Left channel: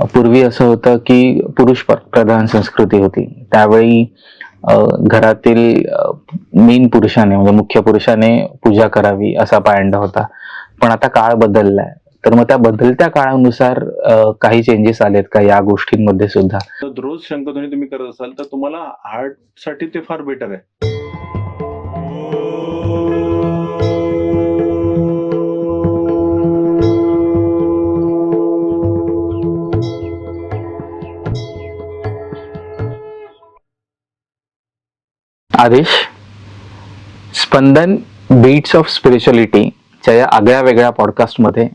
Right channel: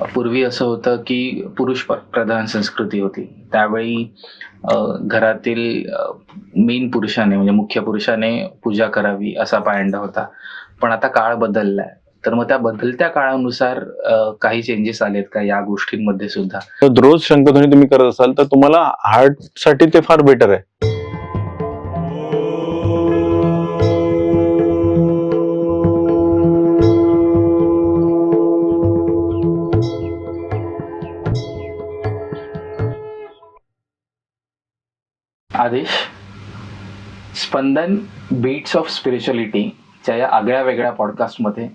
पूर्वी असं होतं की पुरुष प्रधान संस्कृती होती. त्यावेळी घरातील मेन पुरुषाने म्हणजे मुख्य पुरुषाने पूजा करावी असा पायंडा होता. पण आता काळ बदललाय. तर मग त्या बदलत्या काळानुसार काही चेंजेस आलेत का या गोष्टींमध्ये सुद्धा? तर रोज शंखध्वनी तुम्ही करत असाल तर तुम्हाला हार्ट साठी ते फार बेटर आहे. आदेश, स्पंदन बीट्स ऑफ स्पिरिच्युअलिटीच्या या आगळ्या वेगळ्या पॉडकास्टमध्ये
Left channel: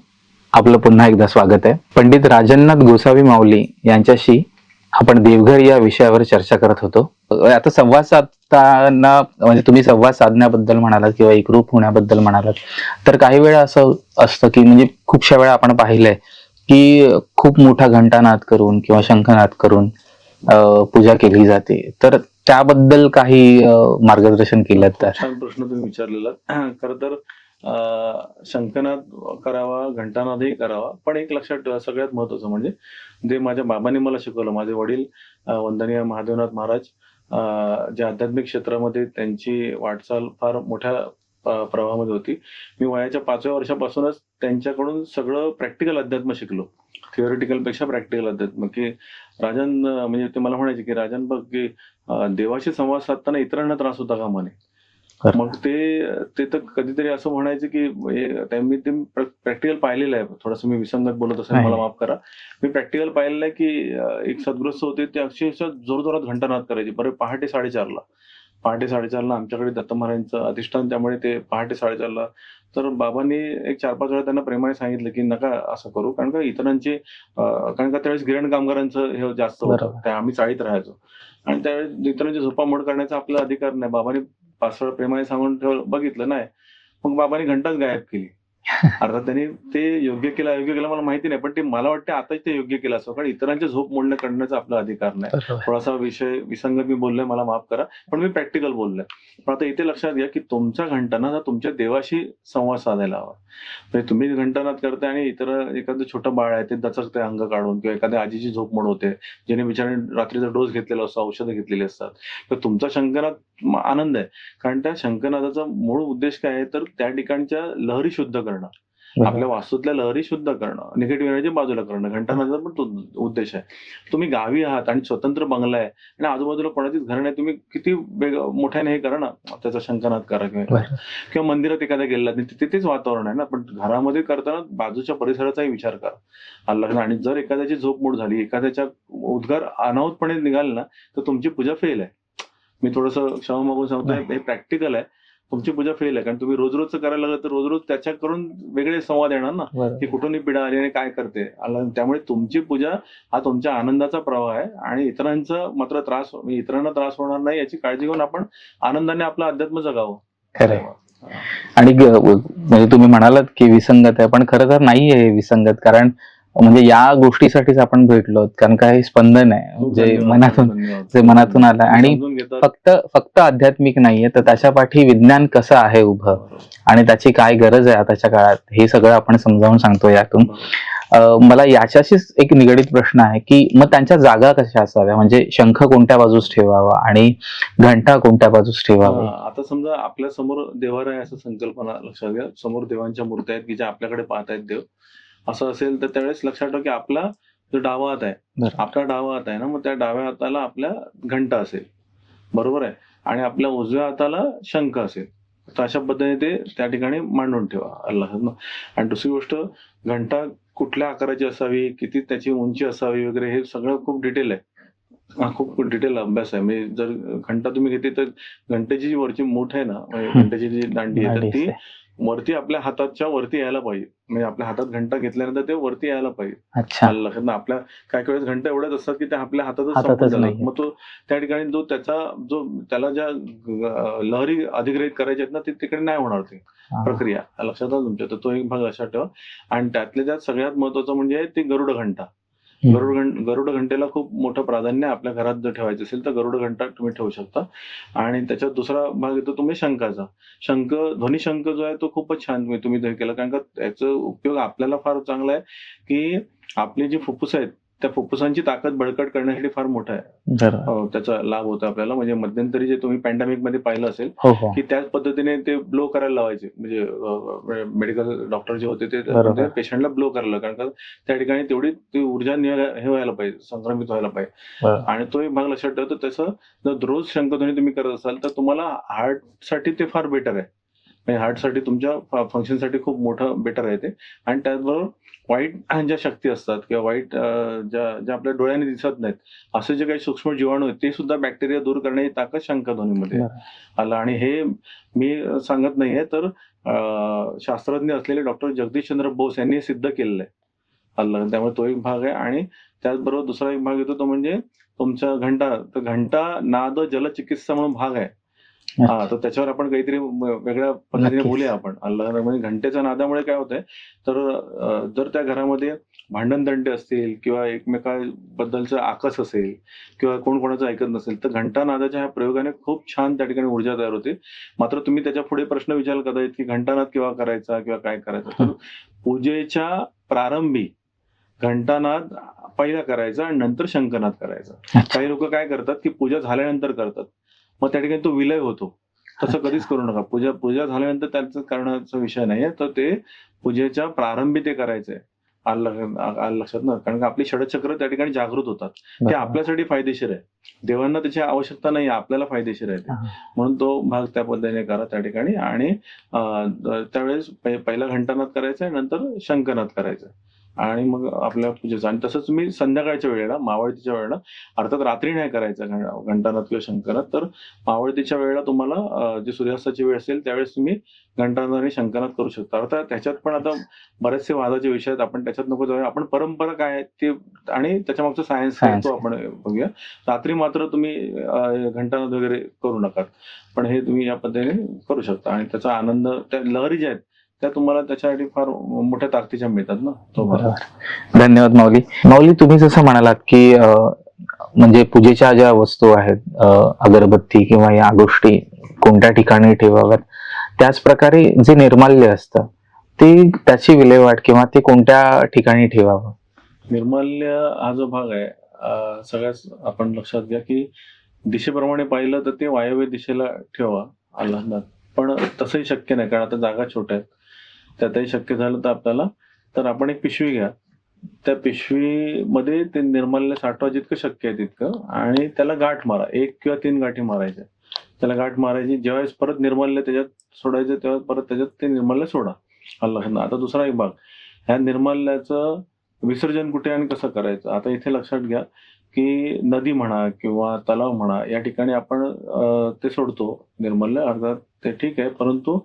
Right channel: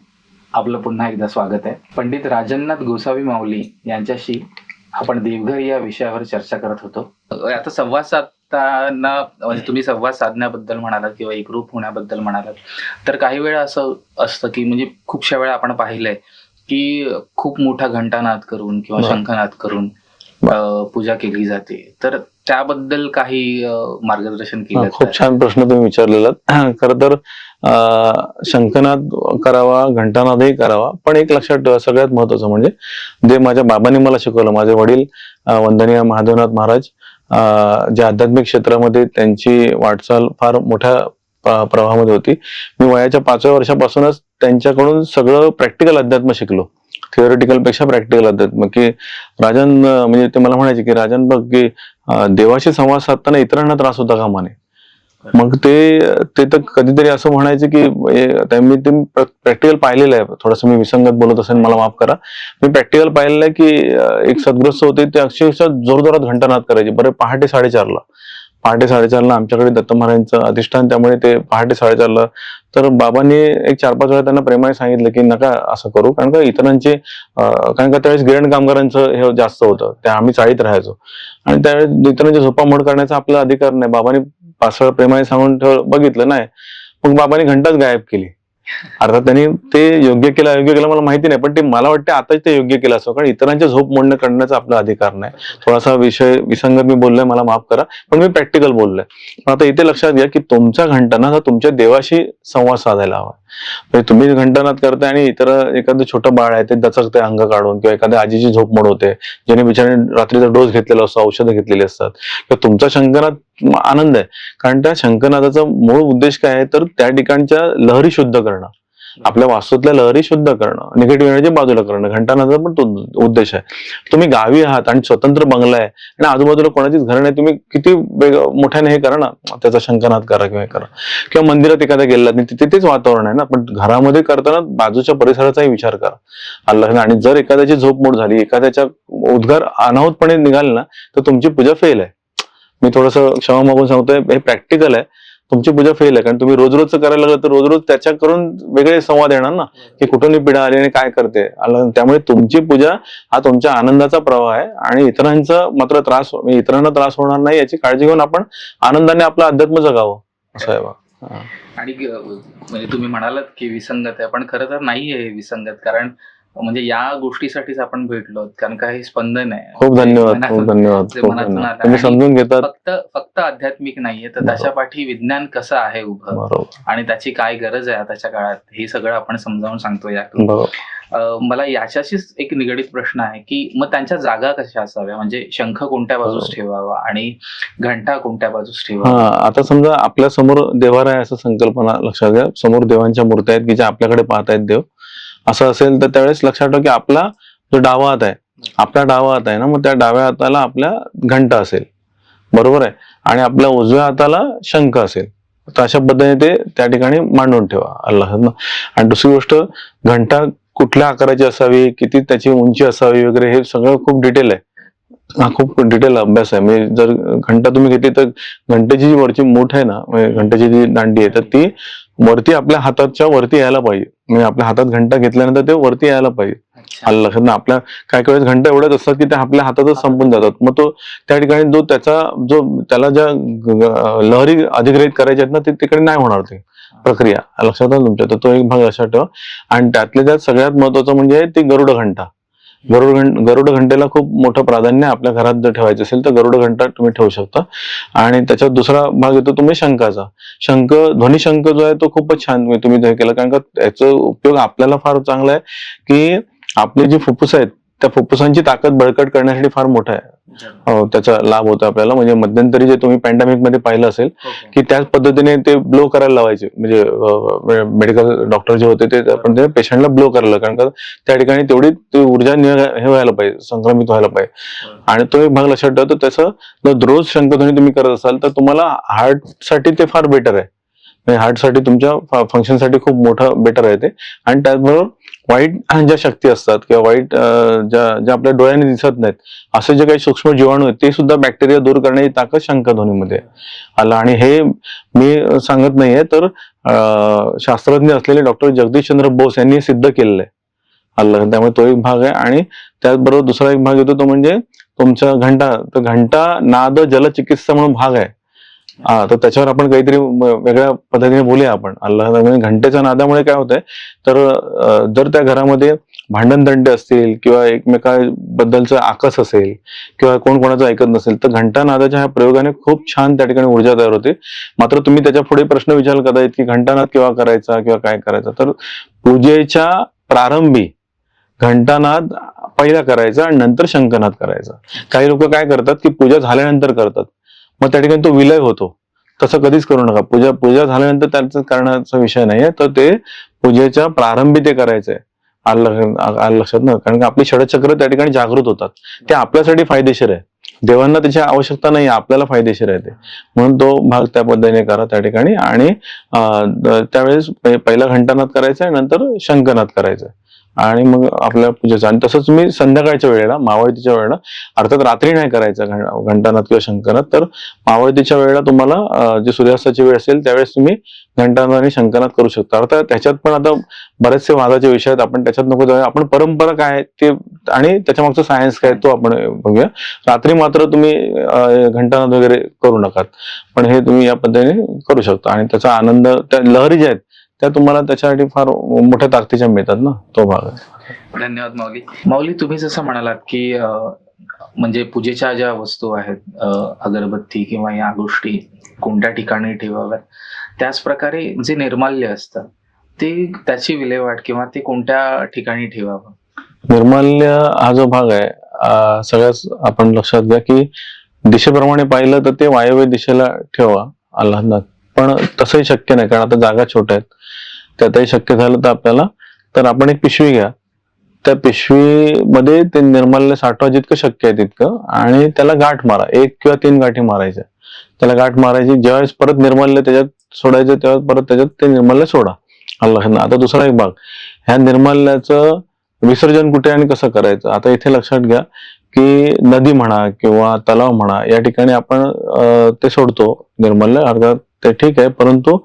आपलं पुन्हा एकदा स्वागत आहे. पंडित राजननाथ गोसावी माऊली यांच्याशी आपण देवघर या विषयावर चर्चा करत होतो. आता संवाद साधताना म्हणजे तुम्ही संवाद साधण्याबद्दल म्हणालात किंवा एकरूप होण्याबद्दल म्हणालात, तर काही वेळा असं असतं की म्हणजे खूपशा वेळा आपण पाहिलंय की खूप मोठा घंटानाद करून किंवा शंखनाद करून पूजा केली जाते. तर त्याबद्दल काही मार्गदर्शन केलं? खूप छान प्रश्न तुम्ही विचारलेला. खरं तर शंखनाद करावा, घंटानादही करावा, पण एक लक्षात ठेवा सगळ्यात महत्वाचं म्हणजे जे माझ्या बाबांनी मला शिकवलं. माझे वडील वंदनीय महादेवनाथ महाराज जे आध्यात्मिक क्षेत्रामध्ये त्यांची वाटचाल फार मोठ्या प्रवाहामध्ये होती. मी वयाच्या 5व्या वर्षापासूनच त्यांच्याकडून सगळं प्रॅक्टिकल अध्यात्म शिकलो. थिओरिटिकल पेक्षा प्रॅक्टिकल अध्यात्म. की राजन म्हणजे ते मला म्हणायचे की राजन बघ की देवाशी संवाद साधताना इतरांना त्रास होता कामा नये. मग ते तर कधीतरी असं म्हणायचे की मी ते प्रॅक्टिकल पाहिलेलं आहे. थोडंसं मी विसंगत बोलत असेल मला माफ करा. मी प्रॅक्टिकल पाहिलेलं आहे की एक सद्गृहस्थ होते ते अक्षरशः जोरजोरात घंटानाद करायचे. बरं पहाटे 4:30ला आमच्याकडे दत्त महाराजांचं अधिष्ठान, त्यामुळे ते पहाटे 4:30ला. तर बाबांनी एक 4-5 वेळा त्यांना प्रेमाने सांगितलं की नका असं करू, कारण का इतरांचे कारण का त्यावेळेस गिरण कामगारांचं हे जास्त होतं. ते आम्ही चाळीत राहायचो आणि त्यावेळेस इतरांची झोपामोड करण्याचा आपला अधिकार नाही. बाबांनी 5 वेळा प्रेमाने सांगून बघितलं नाही. मग बाबांनी घंटाच गायब केली. अर्थात त्यांनी ते योग्य केलं अयोग्य केलं मला माहिती नाही, पण ते मला वाटते आताच ते योग्य केलं असं, कारण इतरांचे झोप मोडणं करण्याचा आपला अधिकार नाही. थोडासा विषय विसंगत मी बोललोय, मला माफ करा, पण मी प्रॅक्टिकल बोललोय. पण आता इथे लक्षात घ्या की तुमचा घंटानाद हा तुमच्या देवाशी संवाद साधायला हवा. म्हणजे तुम्ही घंटानाद करताय आणि इतर एखादं छोटं बाळ आहे ते दचकते अंग काढून, किंवा एखाद्या आजीची झोप मोड होते ज्याने बिचारे रात्रीचा डोस घेतलेला असतो, औषधं घेतलेली असतात, तर तुमचा शंखनाद आनंद आहे. कारण त्या शंखनादाचा मूळ उद्देश काय आहे, तर त्या ठिकाणच्या लहरी शुद्ध करणं, आपल्या वास्तूतल्या लहरी शुद्ध करणं, निगेटिव्ह एनर्जी बाजूला करणं. घंटानादाचा पण तो उद्देश आहे. तुम्ही गावी आहात आणि स्वतंत्र बंगला आहे आणि आजूबाजूला कोणाचीच घर नाही, तुम्ही किती मोठ्याने हे करा ना, त्याचा शंखनाद करा किंवा करा. किंवा मंदिरात एखाद्या गेलात नाही तिथे तेच वातावरण आहे ना, पण घरामध्ये करताना बाजूच्या परिसराचाही विचार करा. अल्लाह. आणि जर एखाद्याची झोपमोड झाली, एखाद्याच्या उद्गार अनाहूतपणे निघाले ना, तर तुमची पूजा फेल आहे. मी थोडस क्षमा मागून सांगतोय, हे प्रॅक्टिकल आहे. तुमची पूजा फेल आहे, कारण तुम्ही रोज रोजचं करायला लागलं तर रोज रोज त्याच्या करून वेगळे संवाद येणार ना, की कुठून पीडा आली आणि काय करते. त्यामुळे तुमची पूजा हा तुमच्या आनंदाचा प्रवाह आहे आणि इतरांचा मात्र इतरांना त्रास होणार नाही याची काळजी घेऊन आपण आनंदाने आपलं अध्यात्म जगावं. आणि म्हणजे तुम्ही म्हणालात की विसंगत आहे, पण खरं तर नाही आहे विसंगत. कारण म्हणजे या गोष्टीसाठीच आपण भेटलो, कारण काय स्पंदन आहे. खूप धन्यवाद. ते मनातून आलं आणि समजून घेतात. फक्त आध्यात्मिक नाहीये, तर त्याच्या पाठी विज्ञान कसं आहे उभं आणि त्याची काय गरज आहे आताच्या काळात, हे सगळं आपण समजावून सांगतो यातून. मला याच्याशीच एक निगडीत प्रश्न आहे की मग त्यांच्या जागा कशा असाव्या, म्हणजे शंख कोणत्या बाजूस ठेवावा आणि घंटा कोणत्या बाजूस ठेवावा? आता समजा आपल्या समोर देवारा आहे असं संकल्पना लक्षात घ्या. समोर देवांच्या मूर्त्या आहेत की ज्या आपल्याकडे पाहतायत देव, असं असेल तर त्यावेळेस लक्षात ठेवा की आपला जो डावा हात आहे, आपला डावा हात आहे ना, मग त्या डाव्या हाताला आपल्या घंटा असेल, बरोबर आहे, आणि आपल्या उजव्या हाताला शंख असेल. तर अशा पद्धतीने ते त्या ठिकाणी मांडून ठेवा अल्लाह. आणि दुसरी गोष्ट, घंटा कुठल्या आकाराची असावी, किती त्याची उंची असावी वगैरे, हे सगळं खूप डिटेल आहे. हा खूप डिटेल अभ्यास आहे. म्हणजे जर घंटा तुम्ही घेतली तर घंटेची जी वरची मूठ आहे ना, घंटेची जी दांडी आहे, तर ती वरती आपल्या हाताच्या वरती यायला पाहिजे. म्हणजे आपल्या हातात घंटा घेतल्यानंतर ते वरती यायला पाहिजे. लक्षात ना, आपल्या काही वेळेस घंटा एवढ्याच असतात की त्या आपल्या हातातच संपून जातात. मग तो त्या ठिकाणी त्याला ज्या लहरी अधिग्रहित करायच्या आहेत ना, ते तिकडे नाही होणार ती प्रक्रिया. लक्षात आलं तुमच्या? तर तो एक भाग लक्षात ठेवा. आणि त्यातल्या त्यात सगळ्यात महत्वाचं म्हणजे ती गरुड घंटा. गरुड घंटेला खूप मोठं प्राधान्य. आपल्या घरात जर ठेवायचं असेल तर गरुड घंटा तुम्ही ठेवू शकता. आणि त्याच्यात दुसरा भाग येतो तुम्ही शंखाचा. ध्वनिशंख जो आहे तो खूपच छान तुम्ही हे केलं, कारण का याचा उपयोग आपल्याला फार चांगला आहे की आपली जी फुफ्फुस आहेत त्या फुफ्फुसांची ताकद बळकट करण्यासाठी फार मोठा आहे. त्याचा लाभ होतो आपल्याला. म्हणजे मध्यंतरी जे तुम्ही पॅन्डेमिक मध्ये पाहिलं असेल की त्याच पद्धतीने ते ब्लो करायला लावायचे, म्हणजे मेडिकल डॉक्टर जे होते ते पेशंटला ब्लो करायला, कारण का त्या ठिकाणी तेवढी ती ऊर्जा हे व्हायला पाहिजे, संक्रमित व्हायला पाहिजे. आणि तो एक भाग लक्षात ठेवतो. तसं रोज शंखध्वनी तुम्ही करत असाल तर तुम्हाला हार्ट साठी ते फार बेटर आहे. हार्टसाठी तुमच्या फंक्शनसाठी खूप मोठं बेटर आहे ते. आणि त्याचबरोबर वाईट ज्या शक्ती असतात किंवा वाईट ज्या आपल्या डोळ्याने दिसत नाहीत असे जे काही सूक्ष्म जीवाणू आहेत ते सुद्धा बॅक्टेरिया दूर करण्याची ताकद शंखध्वनीमध्ये आला. आणि हे मी सांगत नाहीये, तर शास्त्रज्ञ असलेले डॉक्टर जगदीशचंद्र बोस यांनी सिद्ध केलेलं आहे आलं. त्यामुळे तो एक भाग आहे. आणि त्याचबरोबर दुसरा एक भाग येतो तो म्हणजे तुमचा घंटा. तर घंटा नाद जलचिकित्सा म्हणून भाग आहे. तर त्याच्यावर आपण काहीतरी वेगळ्या पद्धतीने बोलूया आपण. म्हणजे घंटेच्या नादामुळे काय होतंय, तर जर त्या घरामध्ये भांडण तंटे असतील किंवा एकमेकांबद्दलचं आकस असेल किंवा कोण कोणाचं ऐकत नसेल, तर घंटा नादाच्या ह्या प्रयोगाने खूप छान त्या ठिकाणी ऊर्जा तयार होते. मात्र तुम्ही त्याच्या पुढे प्रश्न विचाराल कदाचित की घंटानाद केव्हा करायचा किंवा काय करायचा. तर पूजेच्या प्रारंभी घंटानाद पहिला करायचा आणि नंतर शंखनाद करायचा. काही लोक काय करतात की पूजा झाल्यानंतर करतात, मग त्या ठिकाणी तो विलय होतो. तसं कधीच करू नका. पूजा झाल्यानंतर त्याचा करण्याचा विषय नाहीये, तर ते पूजेच्या प्रारंभी ते करायचंय. आलं लक्षात ना. कारण की आपली षडचक्र त्या ठिकाणी जागृत होतात. ते आपल्यासाठी फायदेशीर आहे. देवांना त्याची आवश्यकता नाही, आपल्याला फायदेशीर आहे ते. म्हणून तो भाग त्या पद्धतीने करा त्या ठिकाणी. आणि त्यावेळेस पहिला घंटानाद करायचा आहे, नंतर शंखनाद करायचा आणि मग आपल्या पूजेचं. आणि तसंच तुम्ही संध्याकाळच्या वेळेला, मावळतीच्या वेळेला, अर्थात रात्री नाही करायचं घंटानाद किंवा शंखनाद, तर मावळतीच्या वेळेला तुम्हाला जे सूर्यास्ताची वेळ असेल त्यावेळेस तुम्ही घंटानाद आणि शंखनाद करू शकता. अर्थात त्याच्यात पण आता बरेचसे वादाचे विषय आहेत, आपण त्याच्यात नको जाऊया. आपण परंपरा काय ते आणि त्याच्या मागचं सायन्स काय तो आपण बघूया. रात्री मात्र तुम्ही घंटानाद वगैरे करू नका, पण हे तुम्ही या पद्धतीने करू शकता. आणि त्याचा आनंद, त्या लहरी ज्या आहेत त्या तुम्हाला त्याच्यासाठी फार मोठ्या ताकदीच्या मिळतात ना, तो भाग. धन्यवाद माऊली. माऊली, तुम्ही जसं म्हणालात की म्हणजे पूजेच्या ज्या वस्तू आहेत, अगरबत्ती किंवा या गोष्टी कोणत्या ठिकाणी ठेवाव्यात, त्याच प्रकारे जे निर्माल्य असतं ते त्याची विल्हेवाट किंवा ते कोणत्या ठिकाणी ठेवावं. निर्माल्य हा जो भाग आहे, सगळ्याच आपण लक्षात घ्या की दिशेप्रमाणे पाहिलं तर ते वायव्य दिशेला ठेवा आल्हादात. पण तसंही शक्य नाही, कारण आता जागा छोट्या आहेत. त्यातही शक्य झालं तर आपल्याला, तर आपण एक पिशवी घ्या, त्या पिशवीमध्ये ते निर्माल्य साठवा जितकं शक्य आहे तितकं, आणि त्याला गाठ मारा. 1 किंवा 3 गाठी मारायच्या. त्याला गाठ मारायची. ज्यावेळेस परत निर्माल्य त्याच्यात सोडायचं तेव्हा परत त्याच्यात ते निर्माल्य सोडा आल्हादात. आता दुसरा एक भाग, ह्या निर्माल्याचं विसर्जन कुठे आणि कसं करायचं. आता इथे लक्षात घ्या की नदी म्हणा किंवा तलाव म्हणा, या ठिकाणी आपण ते सोडतो निर्माल्य, अर्थात ते ठीक आहे, परंतु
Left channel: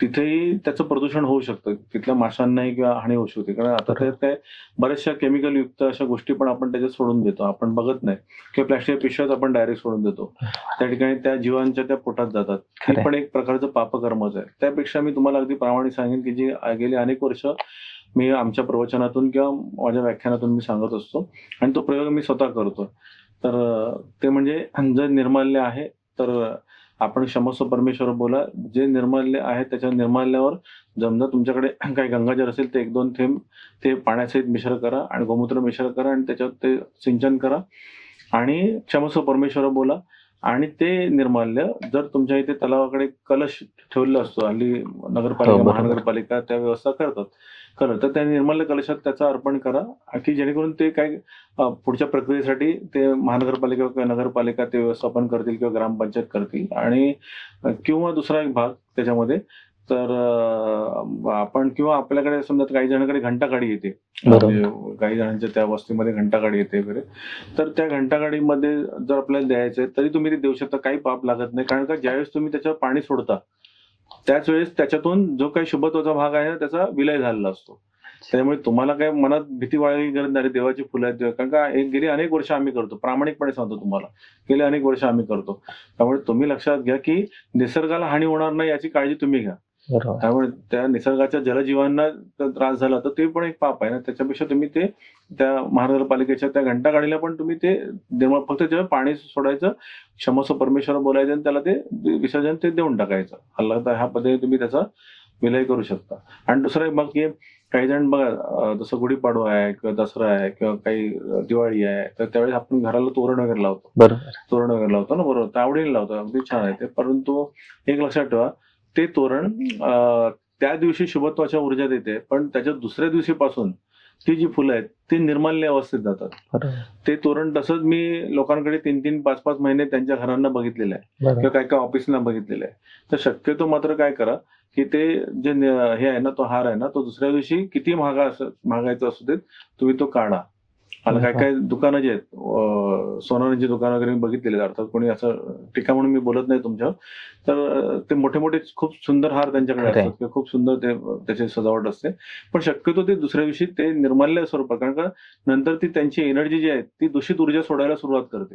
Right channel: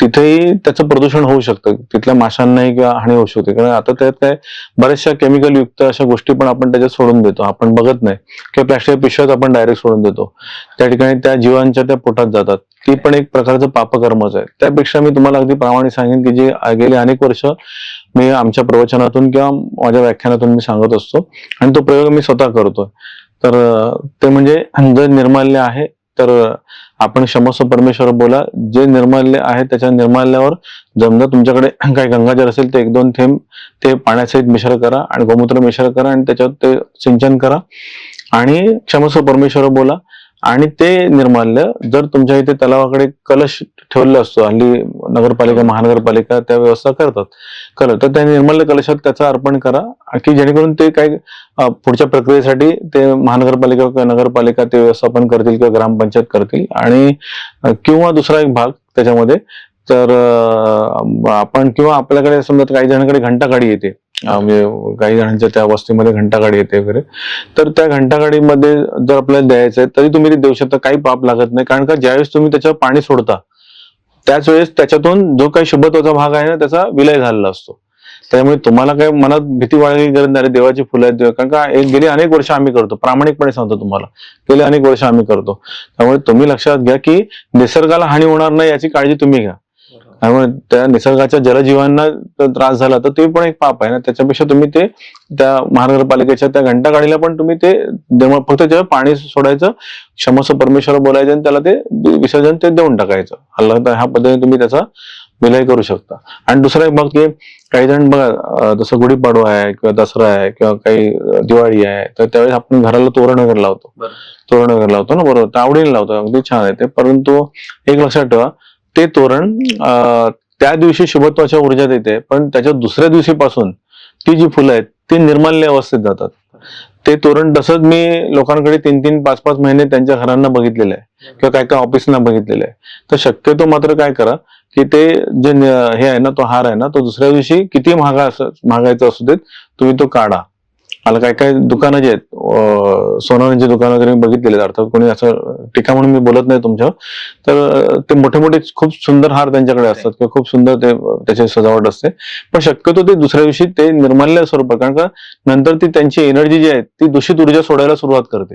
तिथेही त्याचं प्रदूषण होऊ शकतं. तिथल्या माशांनाही किंवा हानी होऊ शकते. कारण आता त्यात काय बऱ्याचशा केमिकल युक्त अशा गोष्टी पण आपण त्याच्यात सोडून देतो, आपण बघत नाही. किंवा प्लॅस्टिक पिशव्यात आपण डायरेक्ट सोडून देतो. त्या ठिकाणी त्या जीवांच्या त्या पोटात जातात. ती पण एक प्रकारचं पापकर्मच आहे. त्यापेक्षा मी तुम्हाला अगदी प्रामाणिक सांगेन की जे गेली अनेक वर्ष मी आमच्या प्रवचनातून किंवा माझ्या व्याख्यानातून मी सांगत असतो, आणि तो प्रयोग मी स्वतः करतोय. तर ते म्हणजे जर निर्माल्य आहे तर आपण क्षमस्व परमेश्वर बोला. जे निर्माल्य आहे त्याच्या निर्माल्यावर जमजा तुमच्याकडे काही गंगाजल असेल ते 1-2 थेंब ते पाण्यासहित मिश्र करा आणि गोमूत्र मिश्र करा आणि त्याच्यात ते सिंचन करा आणि क्षमस्व परमेश्वर बोला. आणि ते निर्माल्य जर तुमच्या इथे तलावाकडे कलश ठेवलेला असतो, हल्ली नगरपालिका, महानगरपालिका त्या व्यवस्था करतात, तर त्या निर्माल्य कलशात त्याचं अर्पण करा, की जेणेकरून ते काय पुढच्या प्रक्रियेसाठी ते महानगरपालिका किंवा नगरपालिका ते व्यवस्थापन करतील किंवा ग्रामपंचायत करतील. आणि किंवा दुसरा एक भाग त्याच्यामध्ये, तर आपण किंवा आपल्याकडे समजा काही जणांकडे घंटागाडी येते, म्हणजे काही जणांच्या त्या वस्तीमध्ये घंटागाडी येते वगैरे, तर त्या घंटागाडीमध्ये जर आपल्याला द्यायचं आहे तरी तुम्ही ते देऊ शकता, काही पाप लागत नाही. कारण का ज्यावेळेस तुम्ही त्याच्यावर पाणी सोडता त्याच वेळेस त्याच्यातून जो काही शुभत्वाचा भाग आहे ना त्याचा विलय झालेला असतो. त्यामुळे तुम्हाला काही मनात भीती बाळगली गरज नाही, देवाची फुलं आहेत. कारण का गेली अनेक वर्ष आम्ही करतो, प्रामाणिकपणे सांगतो तुम्हाला, गेले अनेक वर्ष आम्ही करतो. त्यामुळे तुम्ही लक्षात घ्या की निसर्गाला हानी होणार नाही याची काळजी तुम्ही घ्या. त्यामुळे त्या निसर्गाच्या जलजीवांना त्रास झाला तर ते पण एक पाप आहे ना. त्याच्यापेक्षा तुम्ही ते त्या महानगरपालिकेच्या त्या घंटागाडीला पण तुम्ही ते फक्त त्याच्यावर पाणी सोडायचं, क्षमस्व परमेश्वर बोलायचं आणि त्याला ते विसर्जन ते देऊन टाकायचं. ह्या पद्धतीने तुम्ही त्याचा विलय करू शकता. आणि दुसरा एक भाग की काही जण बघा जसं गुढीपाडवा आहे किंवा दसरा आहे किंवा काही दिवाळी आहे, तर त्यावेळेस आपण घराला तोरण वगैरे लावतो. बरोबर. तोरण वगैरे लावतो ना, बरोबर, तर आवडीने लावतो, अगदी छान आहे ते. परंतु एक लक्षात ठेवा, ते तोरण त्या दिवशी शुभत्वाच्या ऊर्जा देते, पण त्याच्या दुसऱ्या दिवशीपासून ती जी फुलं आहेत ती निर्माल्य अवस्थेत जातात. ते तोरण तसंच मी लोकांकडे 3-3, 5-5 महिने त्यांच्या घरांना बघितलेलं आहे किंवा काय काय ऑफिसना बघितलेलं आहे. तर शक्यतो मात्र काय करा की ते जे हे आहे ना, तो हार आहे ना, तो दुसऱ्या दिवशी किती महागायचा असू देत, तुम्ही तो काढा. मला काय काय दुकानं जे आहेत, सोनारांची दुकानं वगैरे मी बघितलेले आहेत, अर्थात कोणी असं टीका म्हणून मी बोलत नाही तुमच्यावर, तर ते मोठे मोठे खूप सुंदर हार त्यांच्याकडे असतात किंवा खूप सुंदर ते त्याची सजावट असते, पण शक्यतो ते दुसऱ्या दिवशी ते निर्माल्य स्वरूपात, कारण का नंतर ती त्यांची एनर्जी जी आहे ती दूषित ऊर्जा सोडायला सुरुवात करते,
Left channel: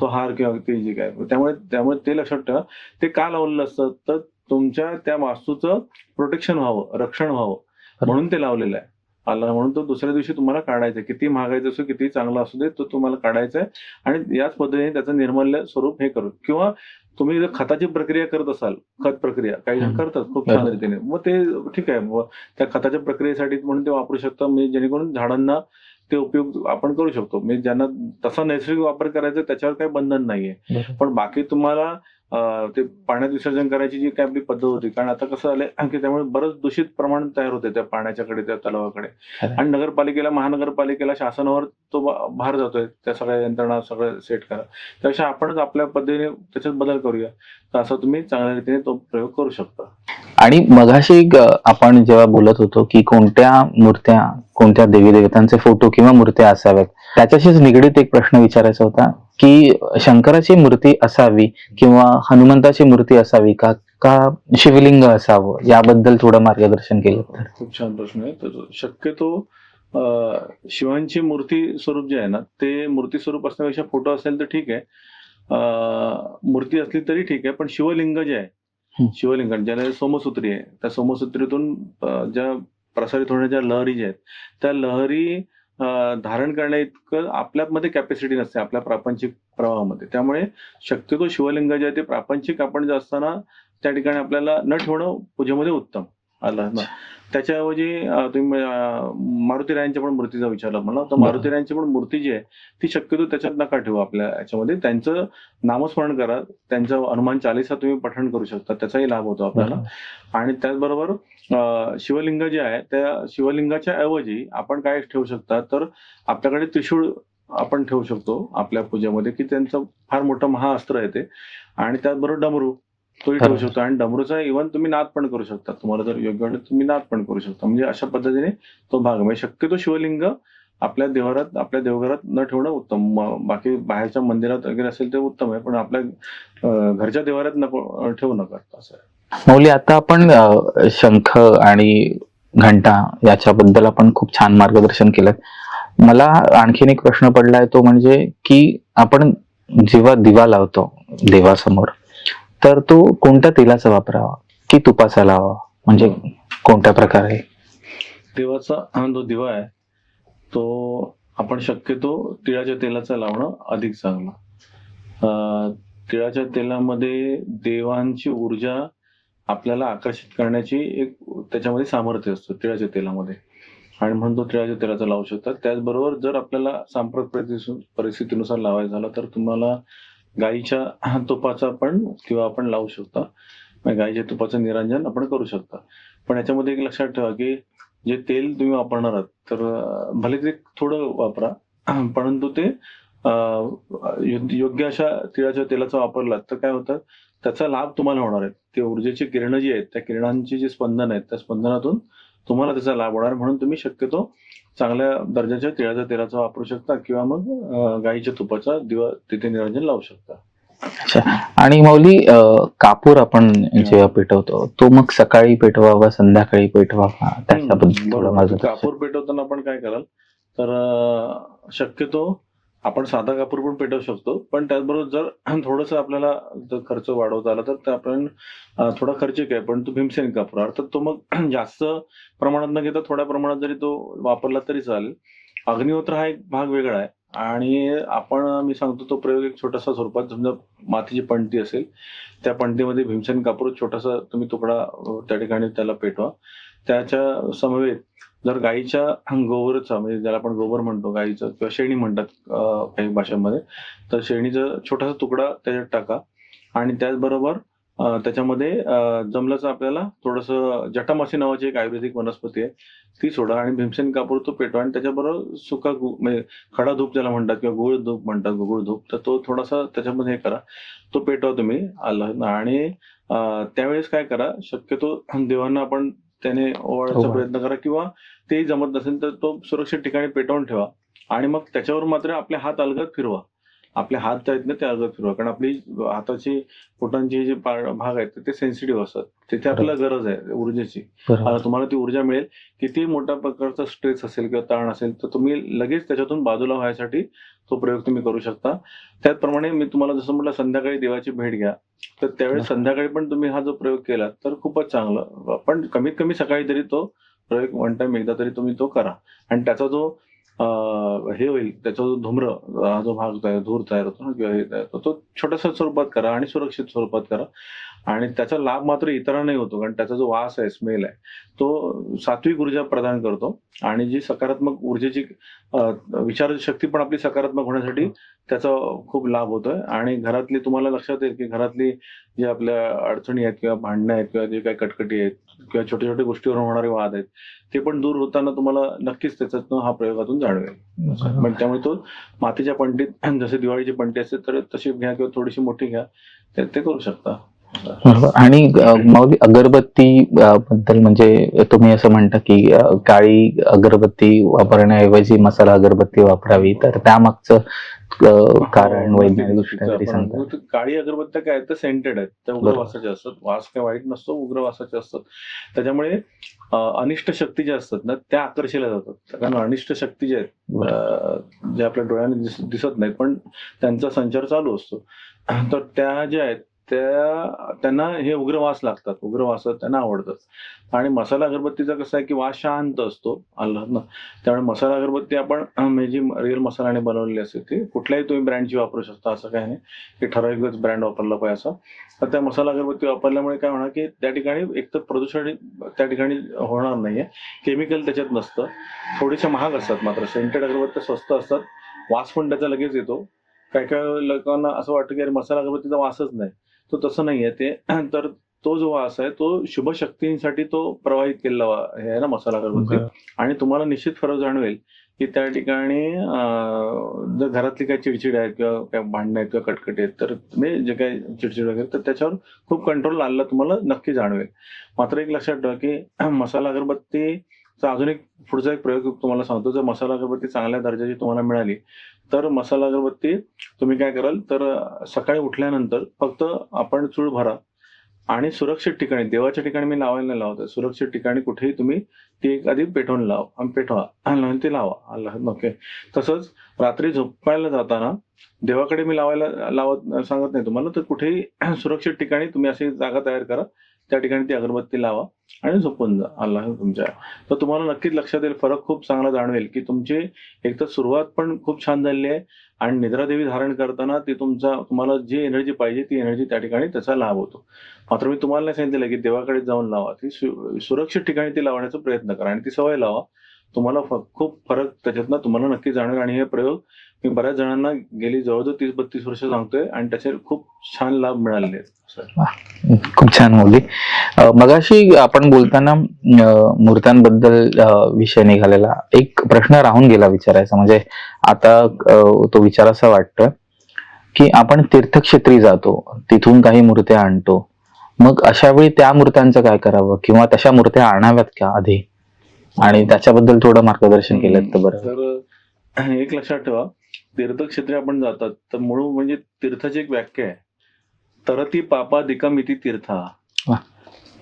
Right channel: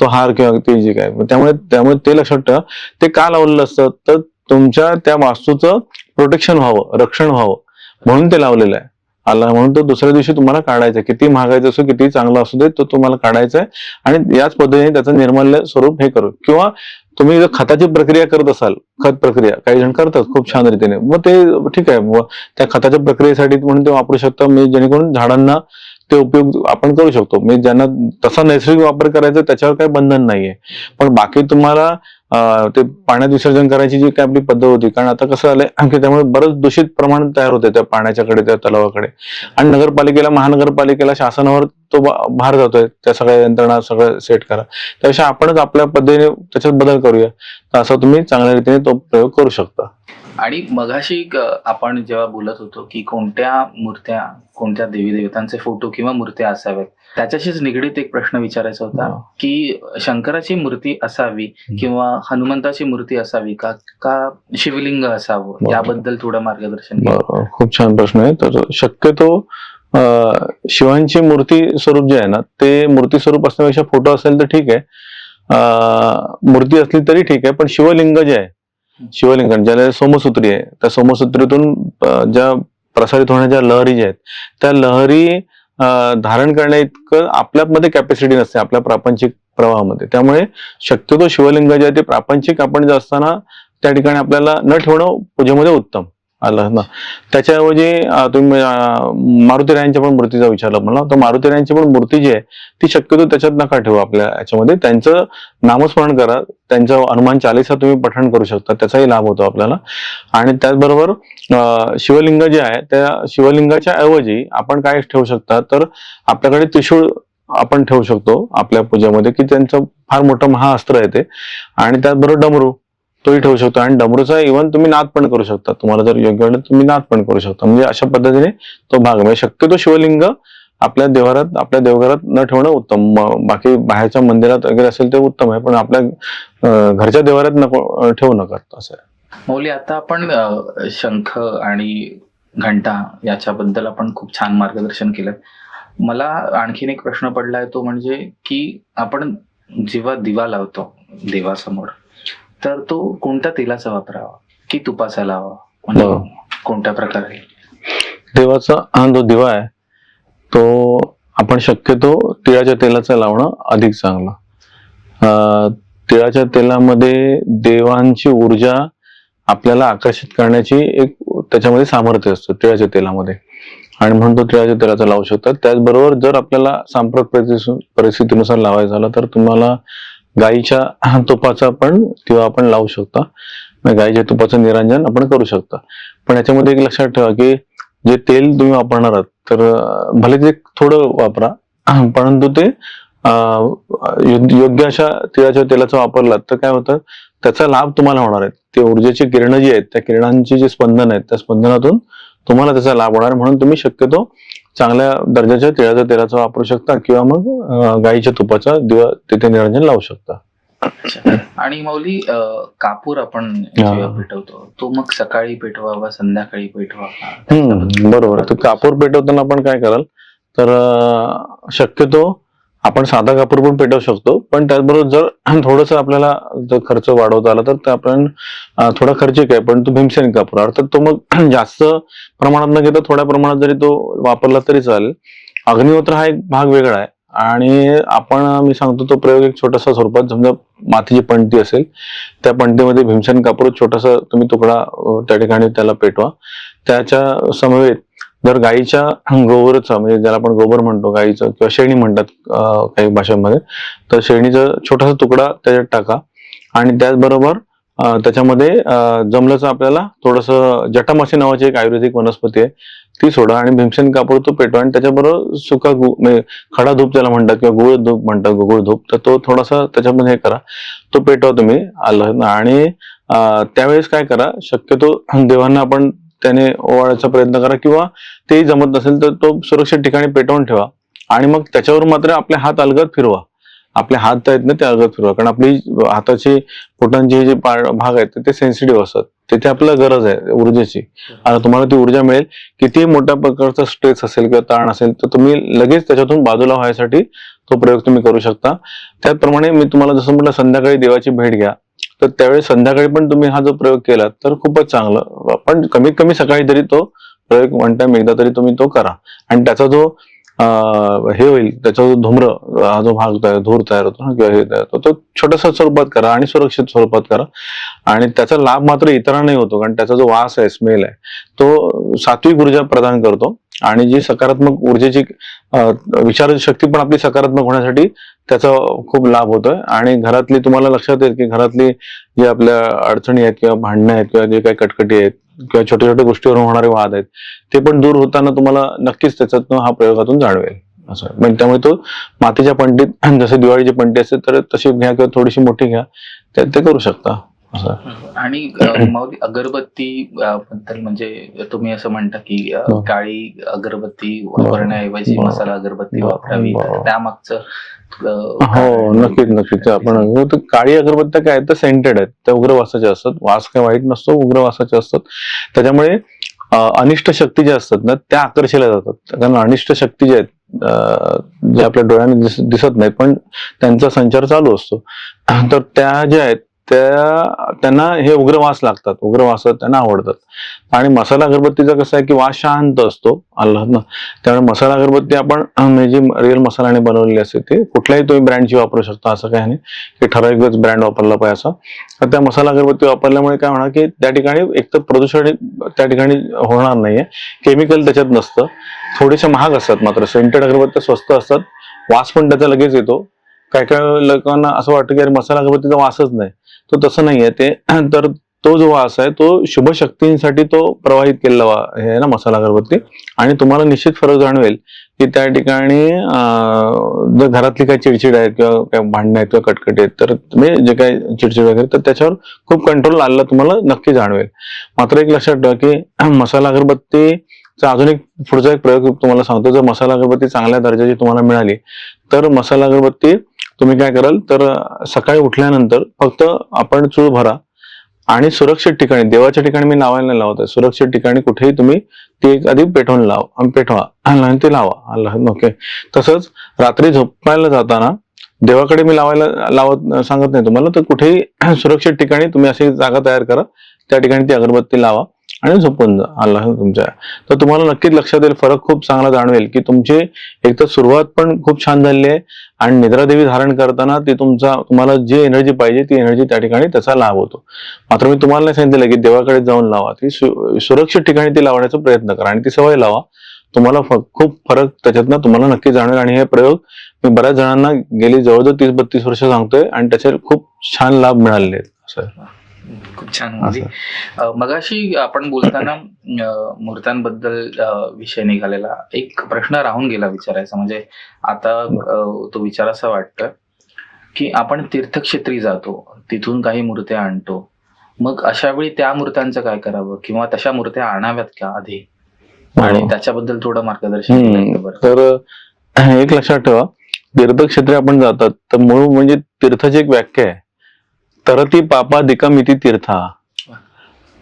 तो हार किंवा ते जे काय. त्यामुळे ते लक्षात ठेवा, ते का लावलेलं असतं, तर तुमच्या त्या वास्तूचं प्रोटेक्शन व्हावं, रक्षण व्हावं म्हणून ते लावलेलं आहे. म्हणून तो दुसऱ्या दिवशी तुम्हाला काढायचा आहे, किती महागायचं असो, किती चांगला असू दे, तो तुम्हाला काढायचा आहे. आणि याच पद्धतीने त्याचं निर्माल्य स्वरूप हे करू. किंवा तुम्ही जर खताची प्रक्रिया करत असाल, खत प्रक्रिया काही जण करतात खूप छान रीतीने, मग ते ठीक आहे, त्या खताच्या प्रक्रियेसाठी म्हणून ते वापरू शकता, जेणेकरून झाडांना ते उपयोग आपण करू शकतो. ज्यांना तसा नैसर्गिक वापर करायचा त्याच्यावर काही बंधन नाहीये. पण बाकी तुम्हाला ते पाण्यात विसर्जन करायची जी काय आपली पद्धत होती, कारण आता कसं झालंय की त्यामुळे बरंच दूषित प्रमाण तयार होते त्या पाण्याच्याकडे, त्या तलावाकडे. आणि महानगरपालिकेला, शासनावर तो भार जातोय, त्या सगळ्या यंत्रणा सगळं सेट करा. त्यापेक्षा आपणच आपल्या पद्धतीने त्याच्यात बदल करूया, तर असं तुम्ही चांगल्या रीतीने तो प्रयोग करू शकता. आणि मगाशी आपण जेव्हा बोलत होतो की कोणत्या मूर्त्या, कोणत्या देवी देवतांचे फोटो किंवा मूर्त्या असाव्यात, त्याच्याशीच निगडीत एक प्रश्न विचारायचा होता की शंकराची मूर्ती असावी किंवा हनुमंताची मूर्ती असावी का शिवलिंग असावं, याबद्दल थोडं मार्गदर्शन केलं. खूप छान प्रश्न आहे. तर शक्यतो शिवांची मूर्ती स्वरूप जे आहे ना, ते मूर्ती स्वरूप असण्यापेक्षा फोटो असेल तर ठीक आहे, मूर्ती असली तरी ठीक आहे, पण शिवलिंग जे आहे, शिवलिंग ज्याला सोमसूत्री आहे, त्या सोमसूत्रीतून ज्या प्रसारित होण्याच्या लहरी ज्या आहेत, त्या लहरी धारण करण्या इतकं आपल्यामध्ये कॅपॅसिटी नसते आपल्या प्रापंचिक प्रवाहामध्ये. त्यामुळे शक्यतो शिवलिंग जे आहे ते प्रापंचिक आपण जे असताना त्या ठिकाणी आपल्याला न ठेवणं पूजेमध्ये उत्तम आलं ना. त्याच्याऐवजी तुम्ही मारुतीरायांच्या पण मूर्तीचा विचारला मला, तर मारुतीरायांची पण मूर्ती जी आहे ती शक्यतो त्याच्यात नका ठेवू आपल्या याच्यामध्ये. त्यांचं नामस्मरण करा, त्यांचं हनुमान चालीसा तुम्ही पठण करू शकता, त्याचाही लाभ होतो आपल्याला. आणि त्याचबरोबर शिवलिंग जे आहे त्या शिवलिंगाच्या ऐवजी आपण काय ठेवू शकता, तर आपल्याकडे त्रिशूळ आपण ठेवू शकतो आपल्या पूजेमध्ये, की त्यांचं फार मोठं महाअस्त्र आहे ते. आणि त्याचबरोबर डमरू तोही ठेवू शकतो, आणि डमरूचा इव्हन तुम्ही नाद पण करू शकता, तुम्हाला जर योग्य वाटलं तुम्ही नाद पण करू शकता. म्हणजे अशा पद्धतीने तो भाग, म्हणजे शक्यतो शिवलिंग आपल्या देवघरात, आपल्या देवघरात न ठेवणं उत्तम. बाकी बाहेरच्या मंदिरात वगैरे असेल ते उत्तम आहे, पण आपल्या घरच्या देवघरात नको ठेवू नका, असं आहे. मौली, आता आपण शंख आणि घंटा याच्याबद्दल आपण खूप छान मार्गदर्शन केलं. मला आणखीन एक प्रश्न पडलाय, तो म्हणजे की आपण जेव्हा दिवा लावतो देवासमोर, तर तो कोणत्या तेलाचा वापरावा की तुपाचा लावावा, म्हणजे कोणत्या प्रकारे? देवाचा हा जो दिवा आहे तो आपण शक्यतो तिळाच्या तेलाचा लावणं अधिक चांगलं. तिळाच्या तेलामध्ये देवांची ऊर्जा आपल्याला आकर्षित करण्याची एक त्याच्यामध्ये सामर्थ्य असतं तिळाच्या तेलामध्ये, आणि म्हणून तो तिळाच्या तेलाचा लावू शकतात. त्याचबरोबर जर आपल्याला सांप्रत परिस्थितीनुसार लावायचं झालं तर तुम्हाला गाईच्या तुपाचा पण दिवा आपण लावू शकता, गाईच्या तुपाचं निरंजन आपण करू शकता. पण याच्यामध्ये एक लक्षात ठेवा की जे तेल तुम्ही वापरणार आहात, तर भले ते थोडं वापरा, परंतु ते योग्य अशा तिळाच्या तेलाचा वापरलात तर काय होतं, त्याचा लाभ तुम्हाला होणार आहे. ते ऊर्जेची किरणं जी आहेत, त्या किरणांची जे स्पंदन आहेत, त्या स्पंदनातून तुम्हाला त्याचा लाभ होणार, म्हणून तुम्ही शक्यतो चांगल्या दर्जाच्या तिळाच्या तेलाचा वापरू शकता किंवा मग गाईच्या तुपाचा दिवा तिथे निरंजन लावू शकता. आणि मौली, कापूर आपण जेव्हा पेटवतो तो मग सकाळी पेटवावा, संध्याकाळी पेटवावा? बरोबर. कापूर पेटवताना आपण काय कराल, तर शक्यतो आपण साधा कापूर पण पेटवू शकतो, पण त्याचबरोबर जर थोडस आपल्याला जर खर्च वाढवता आला तर आपण थोडा खर्चिक आहे, पण तो भीमसेनी कापूर, अर्थात तो मग जास्त प्रमाणात न घेता थोड्या प्रमाणात जरी तो वापरला तरी चालेल. अग्निहोत्र हा एक भाग वेगळा आहे. आणि मी सांगतो तो प्रयोग एक छोटासा स्वरूपात, समजा मातीची पणती असेल, त्या पणतीमध्ये भीमसेन कापूर छोटासा तुम्ही तुकडा त्या ठिकाणी त्याला पेटवा. त्याच्या समवेत जर गाईच्या गोबरचा, म्हणजे ज्याला आपण गोबर म्हणतो गाईचं, किंवा शेणी म्हणतात काही भाषांमध्ये, तर शेणीचा छोटासा तुकडा त्याच्यात टाका. आणि त्याचबरोबर त्याच्यामध्ये जमलंच आपल्याला थोडंसं जटामासी नावाची एक आयुर्वेदिक वनस्पती आहे ती सोडा, आणि भीमसेन कापूर तो पेटवा. आणि त्याच्याबरोबर सुका म्हणजे खडा धूप ज्याला म्हणतात, किंवा गुळ धूप म्हणतात, गुळ धूप, तर तो थोडासा त्याच्यामध्ये हे करा, तो पेटवा तुम्ही आलं. आणि त्यावेळेस काय करा, शक्यतो देवांना आपण त्याने ओवाळायचा प्रयत्न करा, किंवा तेही जमत नसेल तर तो सुरक्षित ठिकाणी पेटवून ठेवा. आणि मग त्याच्यावर मात्र आपले हात अलगद फिरवा, आपले हात आहेत ना ते अलगद फिरवा, कारण आपली हाताची बोटांचे जे भाग आहेत ते सेन्सिटिव्ह असतात, तिथे आपल्याला गरज आहे ऊर्जेची. आता तुम्हाला ती ऊर्जा मिळेल, किती मोठ्या प्रकारचा स्ट्रेस असेल किंवा ताण असेल तर तुम्ही लगेच त्याच्यातून बाजूला व्हायसाठी तो प्रयोग तुम्ही करू शकता. त्याचप्रमाणे मी तुम्हाला जसं म्हटलं, संध्याकाळी देवाची भेट घ्या, तर त्यावेळी संध्याकाळी पण तुम्ही हा जो प्रयोग केला तर खूपच चांगलं. पण कमीत कमी सकाळी तरी तो प्रयोग वन टाइम एकदा तरी तुम्ही तो करा. आणि त्याचा जो हे होईल, त्याचा जो धूम्र हा जो भाग धूर तयार होतो ना, किंवा हे तयार होतो, तो छोट्याशा स्वरूपात करा आणि सुरक्षित स्वरूपात करा. आणि त्याचा लाभ मात्र इतरांनाही होतो, कारण त्याचा जो वास आहे, स्मेल आहे, तो सात्विक ऊर्जा प्रदान करतो. आणि जी सकारात्मक ऊर्जेची विचार शक्ती पण आपली सकारात्मक होण्यासाठी त्याचा खूप लाभ होतोय. आणि घरातली, तुम्हाला लक्षात येईल की घरातली जे आपल्या अडचणी आहेत, किंवा भांडणं आहेत, किंवा जे काही कटकटी आहेत, किंवा छोट्या छोट्या गोष्टीवरून होणारे वाद आहेत, ते पण दूर होताना तुम्हाला नक्कीच त्याच्यातून हा प्रयोगातून जाणवेल असं. म्हणजे त्यामुळे तो मातीच्या पणतीत, जसे दिवाळीची पणती असते तर तशी घ्या, किंवा थोडीशी मोठी घ्या, ते करू शकता. आणि मग अगरबत्ती बद्दल, म्हणजे तुम्ही असं म्हणता की काळी अगरबत्ती वापरण्याऐवजी मसाला अगरबत्ती वापरावी, तर त्यामागचं हो, नक्कीच नक्कीच. आपण काळी अगरबत्त्या काय तर सेंटेड आहेत, त्या उग्र वासाच्या असतात, वास काही वाईट नसतो, उग्र वासाचे असतात. त्याच्यामुळे अनिष्ट शक्ती ज्या असतात ना त्या आकर्षिल्या जातात. कारण अनिष्ट शक्ती ज्या आहेत, जे आपल्या डोळ्याने दिसत नाहीत पण त्यांचा संचार चालू असतो, तर त्या ज्या आहेत त्यांना हे उग्र वास लागतात, उग्र वास त्यांना आवडतात. आणि मसाला अगरबत्तीचा कसं आहे की वास शांत असतो ना, त्यामुळे मसाला अगरबत्ती आपण जी रिअल मसाल्याने बनवलेली असते, ते कुठल्याही तुम्ही ब्रँडची वापरू शकता, असं काही नाही की ठराविकच ब्रँड वापरला पाहिजे असं. तर त्या मसाला अगरबत्ती वापरल्यामुळे काय होणार की त्या ठिकाणी एक तर प्रदूषण त्या ठिकाणी होणार नाहीये, केमिकल त्याच्यात नसतं, थोडेसे महाग असतात, मात्र सेंटेड अगरबत्त्या स्वस्त असतात, वास पण त्याचा लगेच येतो. काही काही लोकांना असं वाटतं की अरे मसाला अगरबत्तीचा वासच नाही, तो तसं नाहीये ते. तर तो जो वास आहे तो शुभ शक्तींसाठी तो प्रवाहित केलेला हे आहे ना मसाला अगरबत्ती. आणि तुम्हाला निश्चित फरक जाणवेल की त्या ठिकाणी जर घरातली काही चिडचिड आहे, किंवा काही भांडणं आहेत, किंवा कटकटी आहेत, तर तुम्ही जे काही चिडचिड वगैरे, तर त्याच्यावर खूप कंट्रोल आलेला तुम्हाला नक्की जाणवेल. मात्र एक लक्षात ठेवा की मसाला अगरबत्तीचा अजून एक पुढचा एक प्रयोग तुम्हाला सांगतो. जर मसाला अगरबत्ती चांगल्या दर्जाची तुम्हाला मिळाली तर मसाला अगरबत्ती तुम्ही काय कराल, तर सकाळी उठल्यानंतर फक्त आपण चूळ भरा आणि सुरक्षित ठिकाणी, देवाच्या ठिकाणी मी लावायला नाही लावत आहे, सुरक्षित ठिकाणी कुठेही तुम्ही ती आधी पेटवा आणि ते लावा. ओके. तसंच रात्री झोपायला जाताना देवाकडे मी लावत सांगत नाही तुम्हाला, तर कुठेही सुरक्षित ठिकाणी तुम्ही अशी जागा तयार करा, त्या ठिकाणी ती अगरबत्ती लावा आणि झोपून जा तुमच्या. तर तुम्हाला नक्कीच लक्षात येईल, फरक खूप चांगला जाणवेल की तुमची एक तर सुरुवात पण खूप छान झाली आहे, आणि निद्रादेवी धारण करताना ती तुम्हाला जी एनर्जी पाहिजे ती एनर्जी त्या ठिकाणी त्याचा लाभ होतो. मात्र मी तुम्हाला नाही सांगितलं की देवाकडे जाऊन लावा, ती सुरक्षित ठिकाणी ती लावण्याचा प्रयत्न करा आणि ती सवय लावा. तुम्हाला खूप फरक त्याच्यातनं तुम्हाला नक्की जाणवेल. आणि हे प्रयोग मी बऱ्याच जणांना गेली जवळजवळ 30-32 वर्ष सांगतोय, आणि त्याचे खूप छान लाभ मिळालेले आहेत. खूप छान मुली. मगाशी आपण बोलताना मूर्त्यांबद्दल विषय निघालेला, एक प्रश्न राहून गेला विचारायचा. म्हणजे आता तो विचारासा वाटतं की आपण तीर्थक्षेत्री जातो, तिथून काही मूर्त्या आणतो, मग अशा वेळी त्या मूर्त्यांचं काय करावं, किंवा तशा मूर्त्या आणाव्यात का आधी, आणि त्याच्याबद्दल थोडं मार्गदर्शन केलं तर बरं. तर एक लक्षात ठेवा, तीर्थक्षेत्री आपण जातात तर मूळ म्हणजे तीर्थाची एक व्याख्या आहे, तरती पापादिकम इति तीर्था.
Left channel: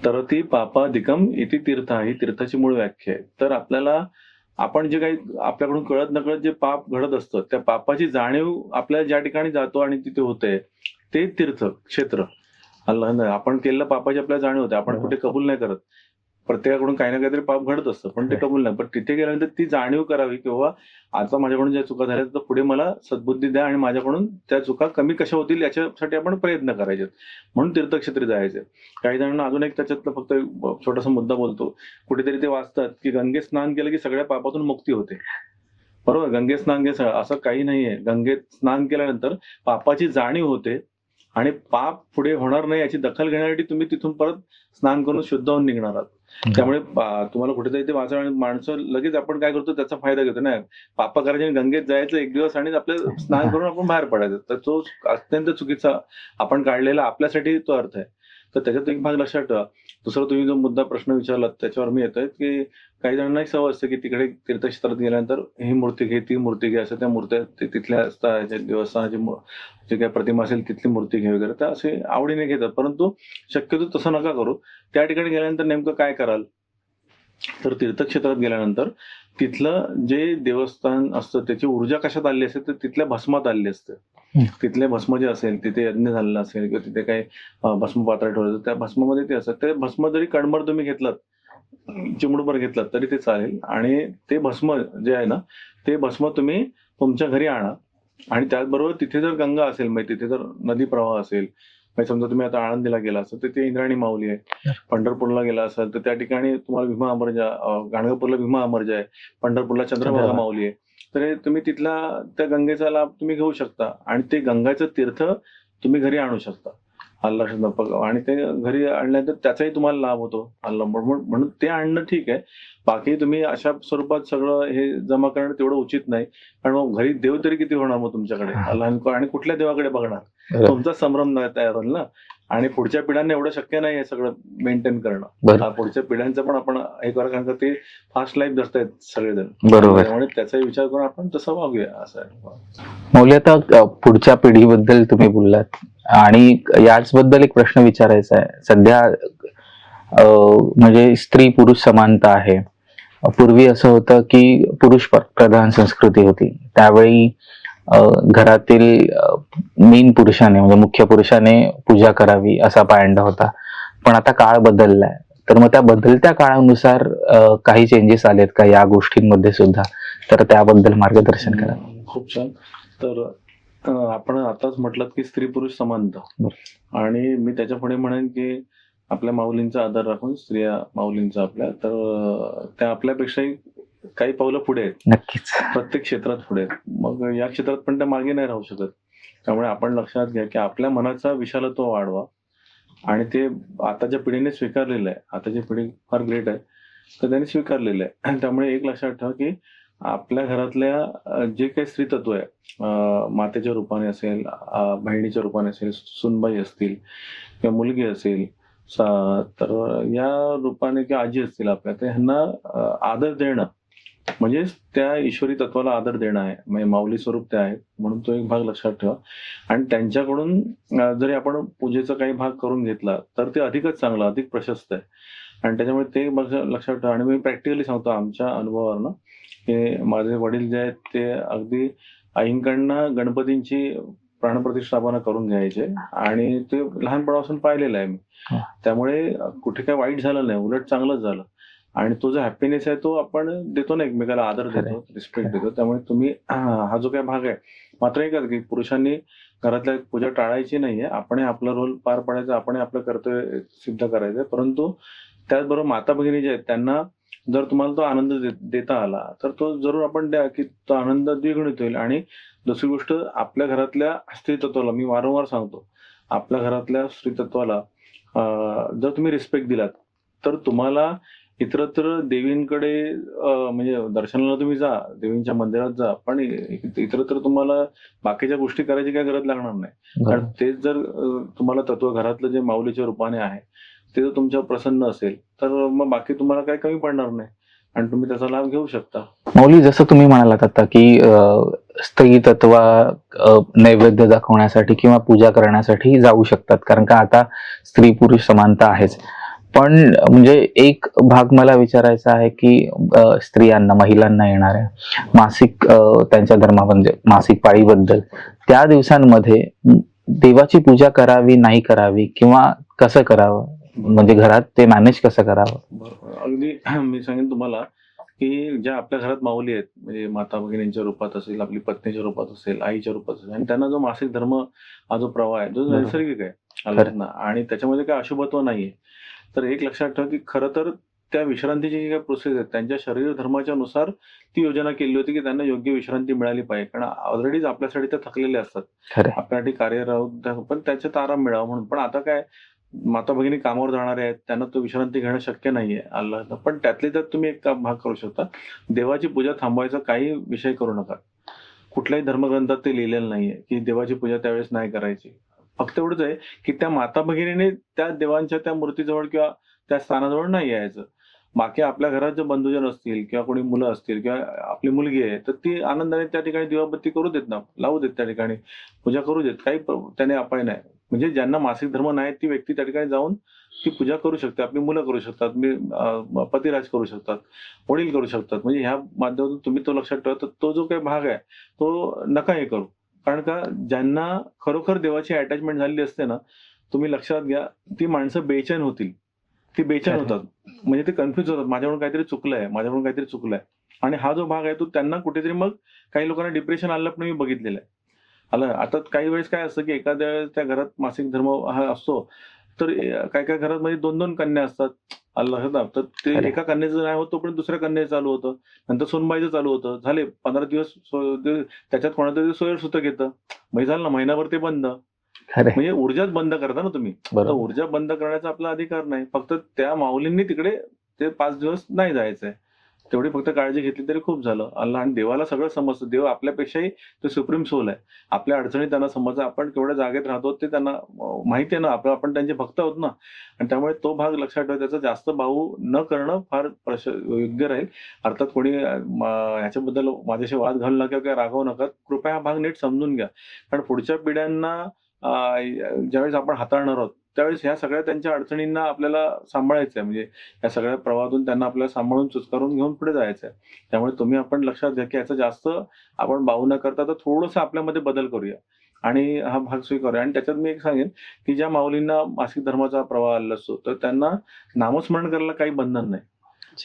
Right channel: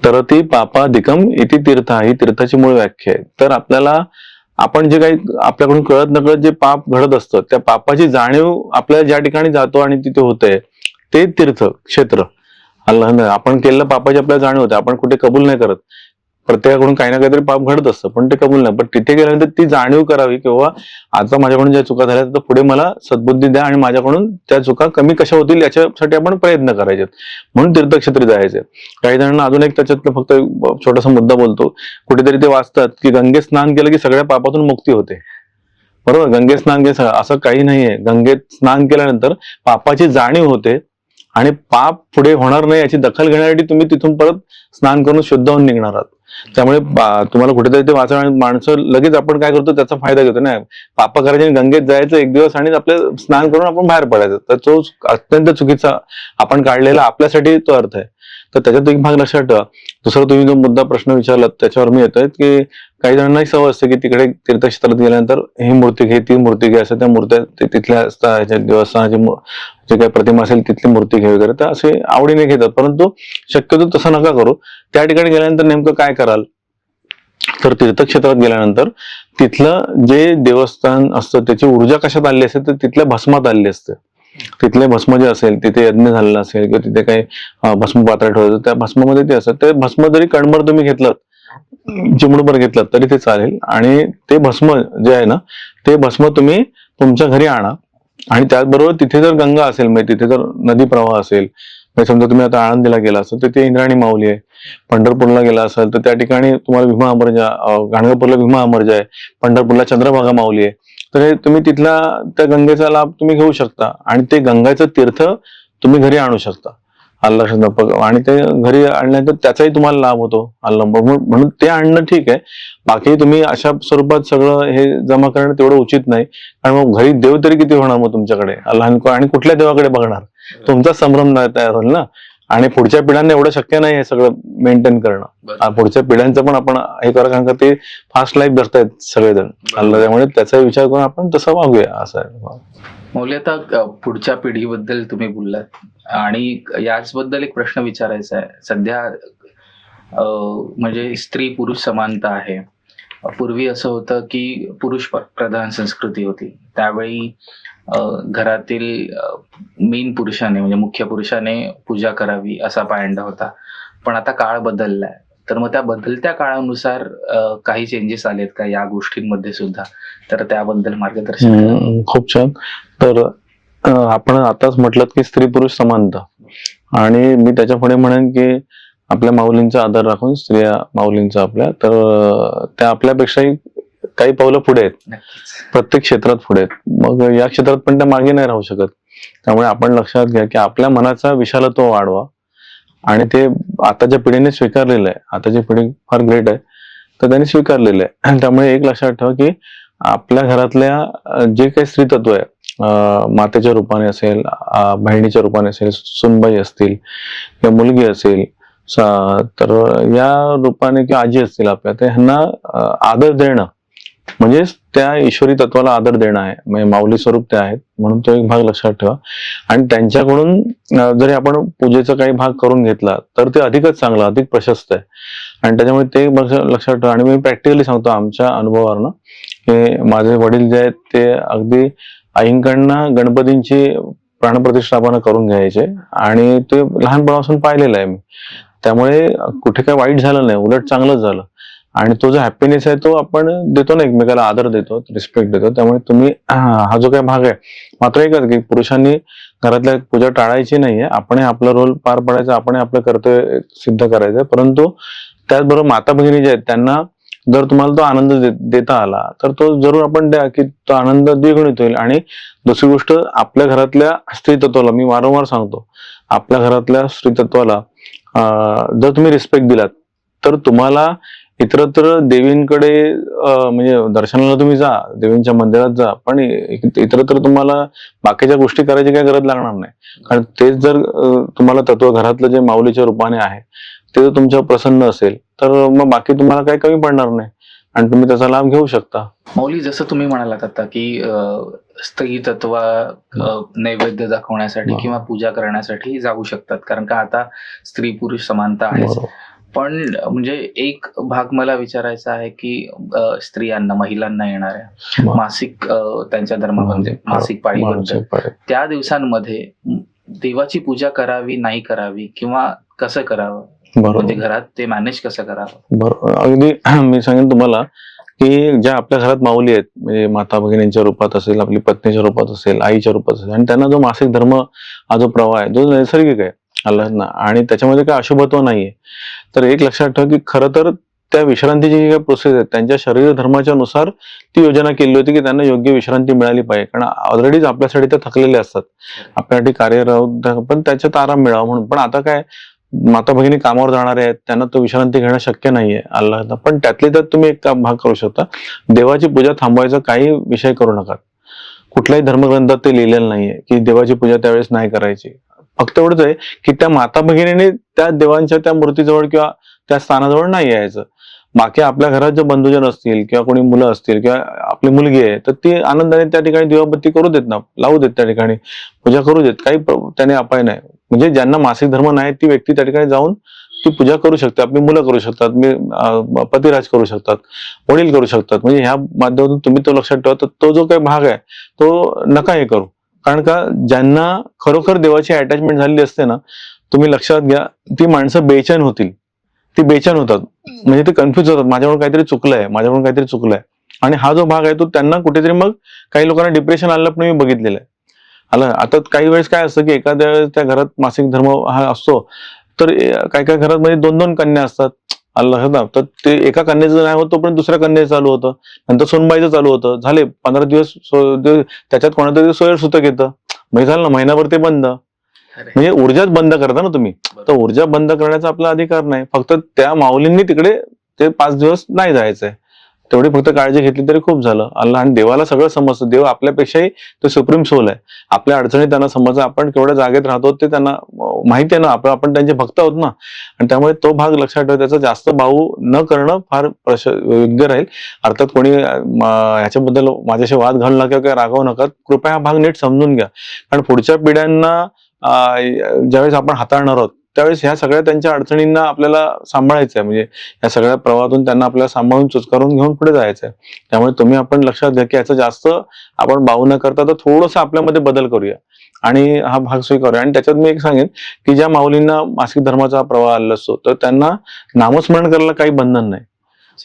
तरती पापादिकम इति तीर्था ही तीर्थाची मूळ व्याख्या आहे. तर आपण जे काही आपल्याकडून कळत नकळत जे पाप घडत असतं, त्या पापाची जाणीव आपल्याला ज्या ठिकाणी जातो आणि तिथे होते ते तीर्थ क्षेत्र. आपण केलेल्या पापाची आपल्याला जाणीव होते, आपण कुठे कबूल नाही करत, प्रत्येकाकडून काही ना काहीतरी पाप घडत असतं, पण ते कबूल नाही. पण तिथे गेल्यानंतर ती जाणीव करावी किंवा आता माझ्याकडून ज्या चुका झाल्या तर पुढे मला सद्बुद्धी द्या आणि माझ्याकडून त्या चुका कमी कशा होतील याच्यासाठी आपण प्रयत्न करायचे, म्हणून तीर्थक्षेत्री जायचे. काही जणांना अजून एक त्याच्यातलं फक्त एक छोटासा मुद्दा बोलतो. कुठेतरी ते वाचतात की गंगेत स्नान केलं की सगळ्या पापातून मुक्ती होते. बरोबर, गंगेत स्नान केलं असं काही नाहीये. गंगेत स्नान केल्यानंतर पापाची जाणीव होते आणि पाप पुढे होणार नाही याची दखल घेण्यासाठी तुम्ही तिथून परत स्नान करून शुद्ध होऊन निघणार आहात. त्यामुळे तुम्हाला कुठेतरी ते वाचा, आणि माणसं लगेच आपण काय करतो त्याचा फायदा घेतो ना, पाप करायचे आणि गंगेत जायचं एक दिवस आणि आपलं स्नान करून आपण बाहेर पडायचं, तर तो अत्यंत चुकीचा आपण काढलेला आपल्यासाठी तो अर्थ आहे. तर त्याच्यात एक भाग लक्षात ठेवा. दुसरा तुम्ही जो मुद्दा प्रश्न विचारलात त्याच्यावर मी येतोय की काही जणांना सवय असते की तिकडे तीर्थक्षेत्रात गेल्यानंतर ही मूर्ती घे, ती मूर्ती घे, असं त्या मूर्त्या तिथल्या देवस्थानाची जे काही प्रतिमा असेल तिथली मूर्ती घे वगैरे, तर असे आवडीने घेतात. परंतु शक्यतो तसं नका करू. त्या ठिकाणी गेल्यानंतर नेमकं काय कराल, तर तीर्थक्षेत्रात गेल्यानंतर तिथलं जे देवस्थान असतं त्याची ऊर्जा कशात आली असते, तर तिथल्या भस्मात आलेली असते. तिथले भस्म जे असेल, तिथे यज्ञ झालेला असेल किंवा तिथे काही भस्म पात्र ठेवायचं, त्या भस्मामध्ये ते असतं. ते भस्म जरी कणभर तुम्ही घेतलं, चिमूटभर घेतलं तरी ते चालेल. आणि ते भस्म जे आहे ना, ते भस्म तुम्ही तुमच्या घरी आणा. आणि त्याचबरोबर तिथे जर गंगा असेल, म्हणजे तिथे जर नदी प्रवाह असेल, म्हणजे समजा तुम्ही आता आळंदीला गेला असाल तर ते इंद्रायणी माऊली आहे. पंढरपूरला गेला असाल तर त्या ठिकाणी तुम्हाला भीमा अमरजा, गाणगापूरला भीमा अमरजा आहे, पंढरपूरला चंद्रभागा माऊली आहे. तर हे तुम्ही तिथला त्या गंगेचा लाभ तुम्ही घेऊ शकता आणि ते गंगाचं तीर्थ तुम्ही घरी आणू शकता. आणि ते घरी आणल्यानंतर त्याचाही तुम्हाला लाभ होतो. म्हणून ते आणणं ठीक आहे. बाकी तुम्ही अशा स्वरूपात सगळं हे जमा करणं तेवढं उचित नाही, कारण मग घरी देव तरी किती होणार मग तुमच्याकडे, आणि कुठल्या देवाकडे बघणार, तुमचा संभ्रम तयार होईल ना. आणि पुढच्या पिढ्यांना एवढं शक्य नाही हे सगळं मेंटेन करणं. पुढच्या पिढ्यांचं पण आपण हे करा, कारण का ते फास्ट लाईफ जगतायत सगळेजण, त्यामुळे त्याचा विचार करून आपण तसं वागूया असं आहे. मौली, आता पुढच्या पिढीबद्दल तुम्ही बोललात आणि याचबद्दल एक प्रश्न विचारायचा आहे. सध्या म्हणजे स्त्री पुरुष समानता आहे. पूर्वी असं होतं की पुरुष प्रधान संस्कृती होती. त्यावेळी घरातील मेन पुरुषाने, म्हणजे मुख्य पुरुषाने पूजा करावी असा पायंडा होता. पण आता काळ बदललाय, तर मग त्या बदलत्या काळानुसार काही चेंजेस आलेत का या गोष्टींमध्ये सुद्धा? तर त्याबद्दल मार्गदर्शन करा. खूप छान. तर आपण आताच म्हटलं की स्त्री पुरुष समानता, आणि मी त्याच्या पुढे म्हणेन की आपल्या माऊलींचा आदर राखून स्त्रिया माऊलींचा आपल्या, तर त्या आपल्यापेक्षाही काही पावलं पुढे आहेत. नक्कीच, प्रत्येक क्षेत्रात पुढे आहेत. मग या क्षेत्रात पण त्या मागे नाही राहू शकत. त्यामुळे आपण लक्षात घ्या की आपल्या मनाचा विशालत्व वाढवा, आणि ते आताच्या पिढीने स्वीकारलेलं आहे. आताची पिढी फार ग्रेट आहे, तर त्यांनी स्वीकारलेलं आहे. त्यामुळे एक लक्षात ठेवा की आपल्या घरातल्या जे काही स्त्रीतत्व आहे, मातेच्या रूपाने असेल, बहिणीच्या रूपाने असेल, सुनबाई असतील किंवा मुलगी असेल, तर या रूपाने किंवा आजी असतील आपल्या, तर ह्यांना आदर देणं म्हणजे त्या ईश्वरी तत्वाला आदर देणं आहे. म्हणजे माऊली स्वरूप ते आहेत, म्हणून तो एक भाग लक्षात ठेवा. आणि त्यांच्याकडून जरी आपण पूजेचा काही भाग करून घेतला तर ते अधिकच चांगलं, अधिक प्रशस्त आहे. आणि त्याच्यामुळे ते लक्षात ठेवा. आणि मी प्रॅक्टिकली सांगतो आमच्या अनुभवावरनं, की माझे वडील जे आहेत ते अगदी आईंकडनं गणपतींची प्राणप्रतिष्ठापना करून घ्यायचे, आणि ते लहानपणापासून पाहिलेलं आहे मी. त्यामुळे कुठे काय वाईट झालं नाही, उलट चांगलंच झालं. आणि तो जो हॅपीनेस आहे तो आपण देतो ना, एकमेकाला आदर देतो, रिस्पेक्ट देतो. त्यामुळे तुम्ही हा जो काही भाग आहे, मात्र एकच की पुरुषांनी घरातल्या पूजा टाळायची नाहीये. आपण आपला रोल पार पाडायचा, आपण आपलं कर्तव्य सिद्ध करायचं. परंतु त्याचबरोबर माता भगिनी जे आहेत त्यांना जर तुम्हाला तो आनंद देता आला तर तो जरूर आपण द्या, की तो आनंद द्विगुणित होईल. आणि दुसरी गोष्ट, आपल्या घरातल्या स्त्रीतत्वाला मी वारंवार सांगतो, आपल्या घरातल्या स्त्रीतत्वाला जर तुम्ही रिस्पेक्ट दिलात तर तुम्हाला इतरत्र देवींकडे, म्हणजे दर्शनाला तुम्ही जा, देवींच्या मंदिरात जा, पण इतरत्र तुम्हाला बाकीच्या गोष्टी करायची काही गरज लागणार नाही. कारण तेच जर तुम्हाला तत्व घरातलं जे माऊलीच्या रूपाने आहे ते जर तुमच्यावर प्रसन्न असेल तर मग बाकी तुम्हाला काही कमी पडणार नाही आणि तुम्ही त्याचा लाभ घेऊ शकता. मौली, जसं तुम्ही म्हणालात आता की स्त्री तत्व नैवेद्य दाखवण्यासाठी किंवा पूजा करण्यासाठी जाऊ शकतात, कारण का आता स्त्री पुरुष समानता आहेच. पण म्हणजे एक भाग मला विचारायचा आहे की स्त्रियांना, महिलांना येणाऱ्या मासिक, त्यांच्या धर्मामध्ये मासिक पाळीबद्दल, त्या दिवसांमध्ये देवाची पूजा करावी नाही करावी किंवा कसं करावं, बरोबर. म्हणजे घरात ते मॅनेज कसं करावं? बरोबर, अगदी मी सांगेन तुम्हाला की ज्या आपल्या घरात माऊली आहेत, म्हणजे माता भगिनींच्या रूपात असेल, आपली पत्नीच्या रूपात असेल, आईच्या रूपात असेल, आणि त्यांना जो मासिक धर्म हा जो प्रवाह आहे, जो नैसर्गिक आहे अल्लाहना, आणि त्याच्यामध्ये काही अशुभत्व नाहीये. तर एक लक्षात ठेवा की खरं तर त्या विश्रांतीची जी काही प्रोसेस आहे, त्यांच्या शरीर धर्माच्या नुसार ती योजना केली होती की त्यांना योग्य विश्रांती मिळाली पाहिजे. कारण ऑलरेडीच आपल्यासाठी ते थकलेले असतात, खरं. आपल्यासाठी कार्यरत, पण त्याच्यात आराम मिळावा म्हणून. पण आता काय, माता भगिनी कामावर जाणारे आहेत, त्यांना तो विश्रांती घेणं शक्य नाहीये अल्लाहला. पण त्यातले त्यात तुम्ही एक भाग करू शकता, देवाची पूजा थांबवायचा काही विषय करू नका. कुठल्याही धर्मग्रंथात ते लिहिलेलं नाहीये की देवाची पूजा त्यावेळेस नाही करायची. फक्त एवढंच आहे की त्या माता भगिनीने त्या देवांच्या त्या मूर्तीजवळ किंवा त्या स्थानाजवळ नाही यायचं. बाकी आपल्या घरात जे बंधुजन असतील किंवा कोणी मुलं असतील किंवा आपली मुलगी आहे, तर ती आनंदाने त्या ठिकाणी दिवाबत्ती करू देत ना, लावू देत, त्या ठिकाणी पूजा करू देत, काही त्याने अपाय नाही. म्हणजे ज्यांना मासिक धर्म नाही ती व्यक्ती त्या ठिकाणी जाऊन ती पूजा करू शकते. आपली मुलं करू शकतात, पतिराज करू शकतात, वडील करू शकतात. म्हणजे ह्या माध्यमातून तुम्ही तो लक्षात ठेवा. तर तो जो काही भाग आहे तो नका हे करू. कारण का, ज्यांना खरोखर देवाची अटॅचमेंट झालेली असते ना, तुम्ही लक्षात घ्या, ती माणसं बेचैन होतील, ती बेचैन होतात, म्हणजे ते कन्फ्युज होतात, माझ्याकडून काहीतरी चुकलंय, माझ्याकडून काहीतरी चुकलंय. आणि हा जो भाग आहे तो त्यांना कुठेतरी, मग काही लोकांना डिप्रेशन आलं पण मी बघितलेलं आहे. आलं आता काही वेळेस काय असतं की एखाद्या वेळेस त्या घरात मासिक धर्म हा असतो, तर काही काही घरात मध्ये 2-2 कन्या असतात. अल्लाह, तर ते एका कन्याचं नाही होत तोपर्यंत दुसऱ्या कन्याचं चालू होतं, नंतर सोनबाईचं चालू होतं, झाले 15 दिवस त्याच्यात कोणातरी सोयर सुतक येतं, म्हणजे झालं ना, महिनाभर ते बंद. खरं. म्हणजे ऊर्जाच बंद करता ना तुम्ही. तर बरोबर. ऊर्जा बंद करण्याचा आपला अधिकार नाही. फक्त त्या माऊलींनी तिकडे ते 5 दिवस नाही जायचंय, तेवढी फक्त काळजी घेतली तरी खूप झालं. अल्लाह, आणि देवाला सगळं समजतं. देव आपल्यापेक्षाही तो सुप्रीम सोल आहे. आपल्या अडचणी त्यांना समजतं, आपण केवढ्या जागेत राहतो ते त्यांना माहिती आहे ना, आपण त्यांचे भक्त आहोत ना. आणि त्यामुळे तो भाग लक्षात ठेवा, त्याचा जास्त भाऊ न करणं फार योग्य राहील. अर्थात कोणी ह्याच्याबद्दल माझ्याशी वाद घालू नका किंवा रागवू नका. कृपया हा भाग नीट समजून घ्या. कारण पुढच्या पिढ्यांना ज्यावेळेस आपण हाताळणार आहोत, त्यावेळेस ह्या सगळ्या त्यांच्या अडचणींना आपल्याला सांभाळायचं आहे. म्हणजे या सगळ्या प्रवाहातून त्यांना आपल्याला सांभाळून चुचकारून घेऊन पुढे जायचं आहे. त्यामुळे तुम्ही आपण लक्षात घ्या की याचा जास्त आपण बाऊ न करता तर थोडंसं आपल्यामध्ये बदल करूया आणि हा भाग स्वीकारूया. आणि त्याच्यात मी एक सांगेन की ज्या माऊलींना मासिक धर्माचा प्रवाह आलेला असतो, तर त्यांना नामस्मरण करायला काही बंधन नाही.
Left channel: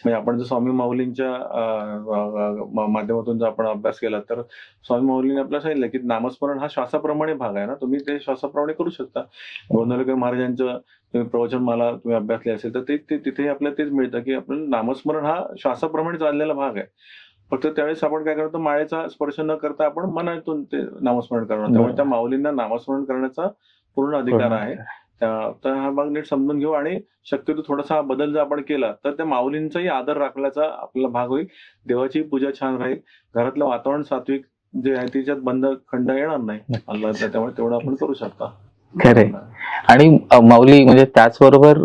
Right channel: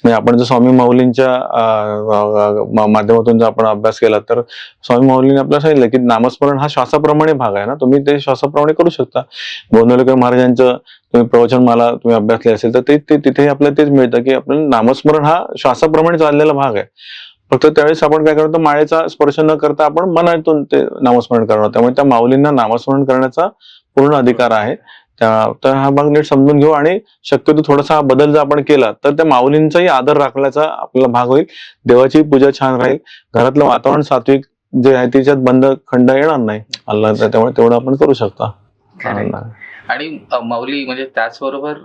म्हणजे आपण जर स्वामी माऊलींच्या माध्यमातून जर आपण अभ्यास केला, तर स्वामी माऊलींनी आपल्याला सांगितलं की नामस्मरण हा श्वासाप्रमाणे भाग आहे ना, तुम्ही ते श्वासाप्रमाणे करू शकता. गोंदवलेकर महाराजांचं तुम्ही प्रवचनमाला तुम्ही अभ्यासले असेल तर ते तिथे आपल्याला तेच मिळतं की आपण नामस्मरण हा श्वासाप्रमाणे चाललेला भाग आहे. फक्त त्यावेळेस आपण काय करतो, माळेचा स्पर्श न करता आपण मनातून ते नामस्मरण करणार. त्यामुळे त्या माऊलींना नामस्मरण करण्याचा पूर्ण अधिकार आहे. तर हा भाग नीट समजून घेऊ आणि शक्यतो थोडासा हा बदल जर आपण केला तर त्या माऊलींचाही आदर राखण्याचा आपला भाग होईल. देवाची पूजा छान राहील, घरातलं वातावरण सात्विक जे आहे त्याच्यात बंद खंड येणार नाही. अल्लाह, त्यामुळे तेवढं आपण करू शकता. खरंय. आणि माऊली, म्हणजे त्याचबरोबर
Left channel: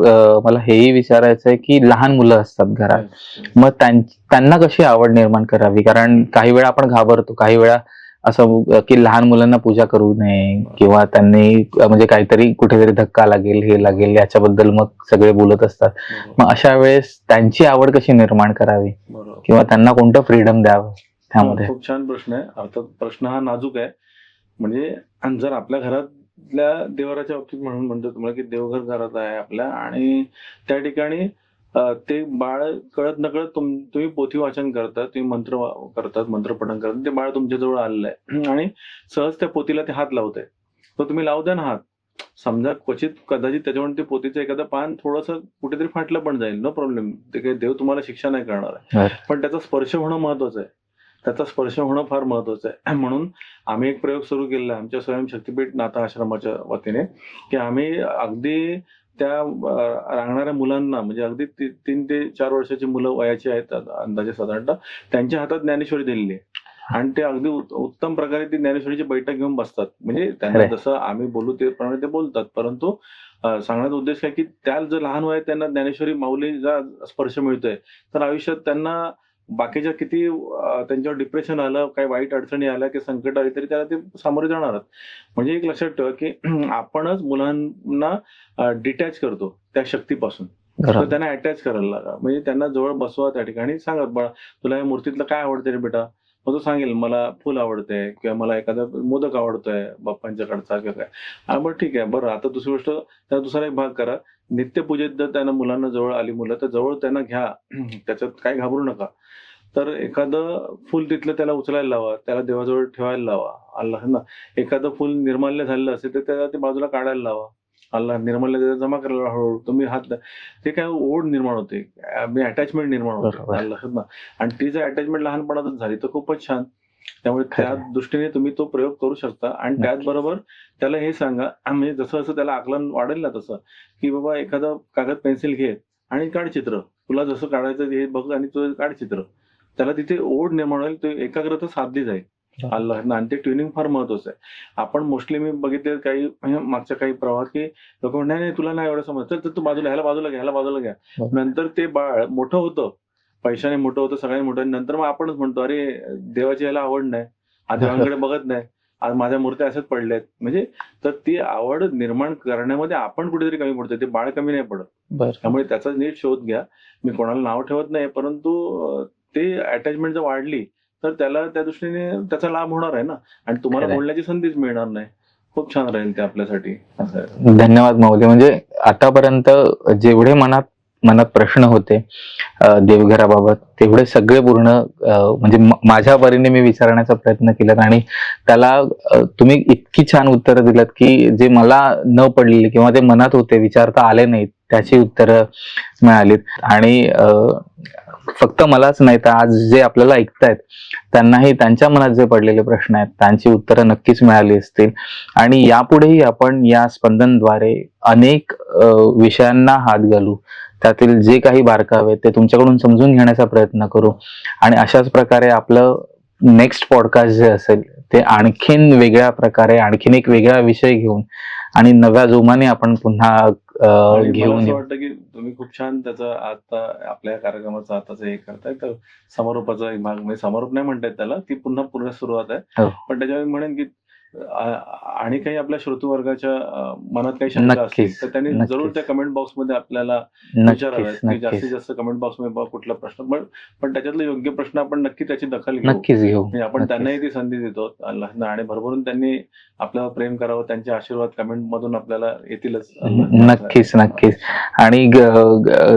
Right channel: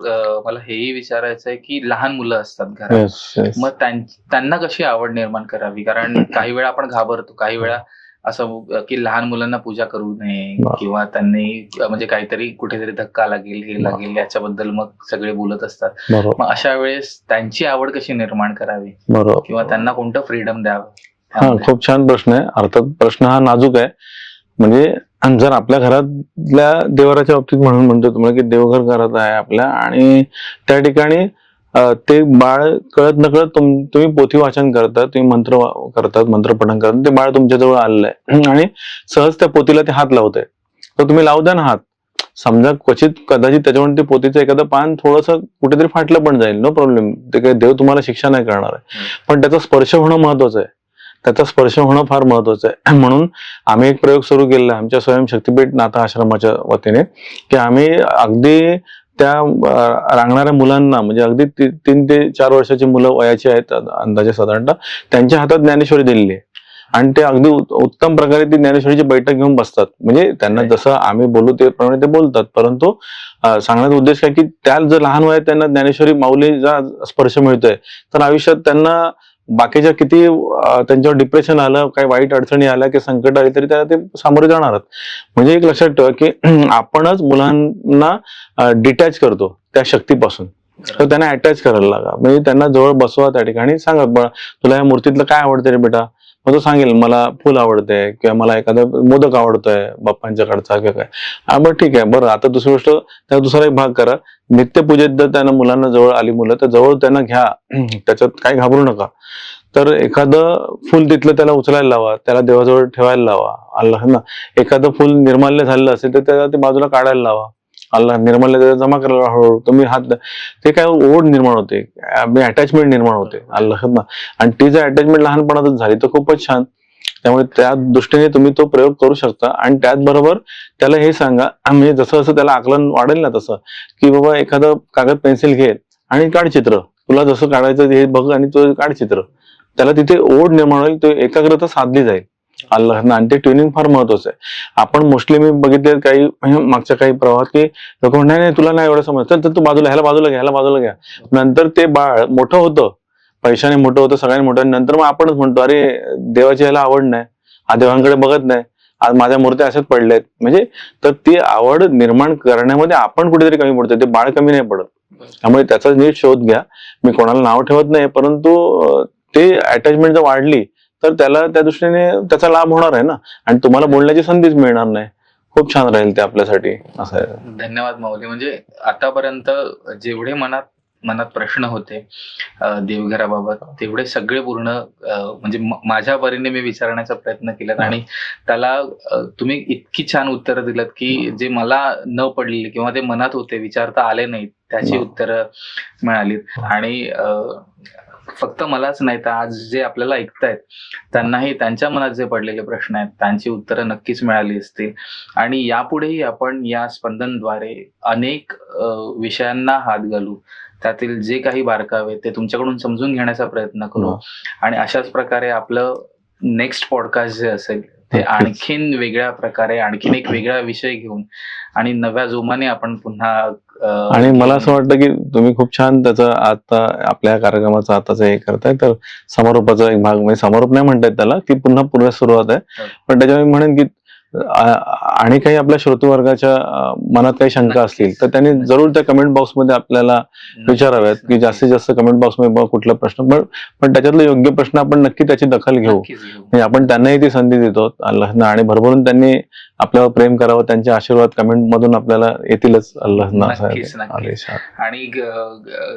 मला हेही विचारायचं आहे की लहान मुलं असतात घरात, Yes, yes. मग त्यांना कशी आवड निर्माण करावी? कारण काही वेळा आपण घाबरतो, काही वेळा असं की लहान मुलांना पूजा करू नये बरोबर. किंवा त्यांनी म्हणजे काहीतरी कुठेतरी धक्का लागेल, हे लागेल, याच्याबद्दल मग सगळे बोलत असतात. बरोबर, मग अशा वेळेस त्यांची आवड कशी निर्माण करावी बरोबर. किंवा त्यांना कोणतं फ्रीडम द्यावं? हा, त्यामध्ये? खूप छान प्रश्न आहे. अर्थात प्रश्न हा नाजूक आहे. म्हणजे जर आपल्या घरातल्या देवाराच्या बाबतीत म्हणून म्हणतो तुम्हाला की देवघर घरात आहे आपल्या, आणि त्या ठिकाणी ते बाळ कळत नकळत तुम्ही पोथी वाचन करतात, तुम्ही मंत्र करतात, मंत्रपठण करतात, ते बाळ तुमच्याजवळ आलेलं आहे आणि सहज त्या पोथीला ते हात लावतंय, तर तुम्ही लावू द्या ना हात. समजा क्वचित कदाचित त्याच्यावर ते पोथीचं एखादं पान थोडंसं कुठेतरी फाटलं पण जाईल, नो प्रॉब्लेम. ते काही देव तुम्हाला शिक्षा नाही करणार आहे. पण त्याचा स्पर्श होणं महत्वाचं आहे, त्याचा स्पर्श होणं फार महत्वाचं आहे. म्हणून आम्ही एक प्रयोग सुरू केलेला आहे आमच्या स्वयंशक्तीपीठ नाथा आश्रमाच्या वतीने, की आम्ही अगदी त्या रांगणाऱ्या मुलांना, म्हणजे अगदी 3 ते 4 वर्षाची मुलं वयाची आहेत अंदाजे साधारणतः, त्यांच्या हातात ज्ञानेश्वरी दिलेली आहे आणि ते अगदी उत्तम प्रकारे ती ज्ञानेश्वरीची बैठक घेऊन बसतात. म्हणजे त्यांना जसं आम्ही बोलू ते प्रमाणे ते बोलतात, परंतु सांगण्याचा उद्देश काय की त्या जर लहान वयात त्यांना ज्ञानेश्वरी माऊलीचा स्पर्श मिळतोय, तर आयुष्यात त्यांना बाकीच्या किती त्यांच्यावर डिप्रेशन आलं, काही वाईट अडचणी आल्या की संकट आली तरी त्याला ते सामोरे जाणार. म्हणजे एक लक्षात ठेवा की आपणच मुलांना डिटॅच करतो त्या शक्तीपासून, तर त्यांना अटॅच करायला लागा. म्हणजे त्यांना जवळ बसवा, त्या ठिकाणी सांगा, तुला या मूर्तीतलं काय आवडतं रे बेटा, मग तो सांगेल मला फुल आवडते किंवा मला एखादा मोदक आवडतोय बाप्पांच्याकडचा किंवा काय. बरं ठीक आहे, बरं आता दुसरी गोष्ट, त्या दुसरा एक भाग करा, नित्यपूजेत जर त्यांना मुलांना जवळ आली मुलं तर जवळ त्यांना घ्या, त्याच्यात काय घाबरू नका. तर एखादं फुल तिथलं त्याला उचलायला लावा, त्याला देवाजवळ ठेवायला लावा. अल्लाह ना, एखादं फुल निर्माल्य झालेलं असेल तर त्याला ते बाजूला काढायला लावा. अल्लाह निर्माल्य त्याला जमा करायला हळूहळू तुम्ही हात, ते काय ओढ निर्माण होते, अटॅचमेंट निर्माण होते. बरोबर. अल्लाह ना, आणि ती जर अटॅचमेंट लहानपणातच झाली तर खूपच छान. त्यामुळे त्या दृष्टीने तुम्ही तो प्रयोग करू शकता. आणि त्याचबरोबर त्याला हे सांगा, म्हणजे जसं जसं त्याला आकलन वाढेल ना तसं, की बाबा एखादं कागद पेन्सिल घे आणि काढ चित्र, तुला जसं काढायचं हे बघ आणि तो काढ चित्र. त्याला तिथे ओढ निर्माण होईल, तो एकाग्रता साधली जाईल. अल्लाह ना, आणि ते ट्युनिंग फार महत्वाचं आहे. आपण मोस्टली मी बघितले काही म्हणजे मागच्या काही प्रवाहात की लोक म्हणतात नाही तुला नाही एवढं समज, तर तू बाजूला, ह्याला बाजूला घ्या, ह्याला बाजूला घ्या. नंतर ते बाळ मोठं होतं, पैशाने मोठं होतं, सगळ्यांनी मोठं, नंतर मग आपणच म्हणतो अरे देवाची ह्याला आवड नाही, हा देवांकडे बघत नाही, आज माझ्या मूर्त्या अशाच पडल्यात. म्हणजे तर ती आवड निर्माण करण्यामध्ये आपण कुठेतरी कमी पडतो, ते बाळ कमी नाही पडत. त्यामुळे त्याचा नीट शोध घ्या. मी कोणाला नाव ठेवत नाही, परंतु ते अटॅचमेंट जर वाढली तर त्याला त्या दृष्टीने त्याचा लाभ होणार आहे ना, आणि तुम्हाला बोलण्याची संधीच मिळणार नाही. खूप छान राहील ते आपल्यासाठी. असं आहे. धन्यवाद माऊली. म्हणजे आतापर्यंत जेवढे मनात मनात प्रश्न होते देवघराबाबत, तेवढे सगळे पूर्ण म्हणजे माझ्या परीने मी विचारण्याचा प्रयत्न केला, आणि त्याला तुम्ही इतकी छान उत्तरं दिलात की जे मला न पडलेली किंवा ते मनात होते, विचारता आले नाहीत, त्याची उत्तरं मिळालीत. आणि फक्त मलाच नाही तर आज जे आपल्याला ऐकतायत त्यांनाही त्यांच्या मनात जे पडलेले प्रश्न आहेत त्यांची उत्तरं नक्कीच मिळाली असतील. आणि यापुढेही आपण या स्पंदनद्वारे अनेक विषयांना हात घालू, त्यातील जे काही बारकावे ते तुमच्याकडून समजून घेण्याचा प्रयत्न करू. आणि अशाच प्रकारे आपलं नेक्स्ट पॉडकास्ट जे असेल ते आणखीन वेगळ्या प्रकारे, आणखीन एक वेगळा विषय घेऊन आणि नव्या जोमाने आपण पुन्हा आणि मला असं वाटतं की तुम्ही खूप छान त्याचं आता आपल्या कार्यक्रमाचा आताच हे करताय, तर समारोपाचा एक भाग, म्हणजे समारोप नाही म्हणतायत त्याला, की पुन्हा पुन्हा सुरुवात आहे. पण त्याच्यावर मी म्हणेन की आणि काही आपल्या श्रोतृवर्गाच्या मनात काही शंका असतील तर त्यांनी जरूर त्या कमेंट बॉक्स मध्ये आपल्याला विचाराव्यात, की जास्तीत जास्त कमेंट बॉक्स मध्ये कुठला प्रश्न, पण त्याच्यातलं योग्य प्रश्न आपण नक्की त्याची दखल घेऊ. म्हणजे आपण त्यांनाही ती संधी देतो अल्लाहनं, आणि भरभरून त्यांनी आपल्यावर प्रेम करावं, त्यांचे आशीर्वाद कमेंट मधून आपल्याला येतीलच अल्लाहनं. नक्कीच नक्कीच. आणि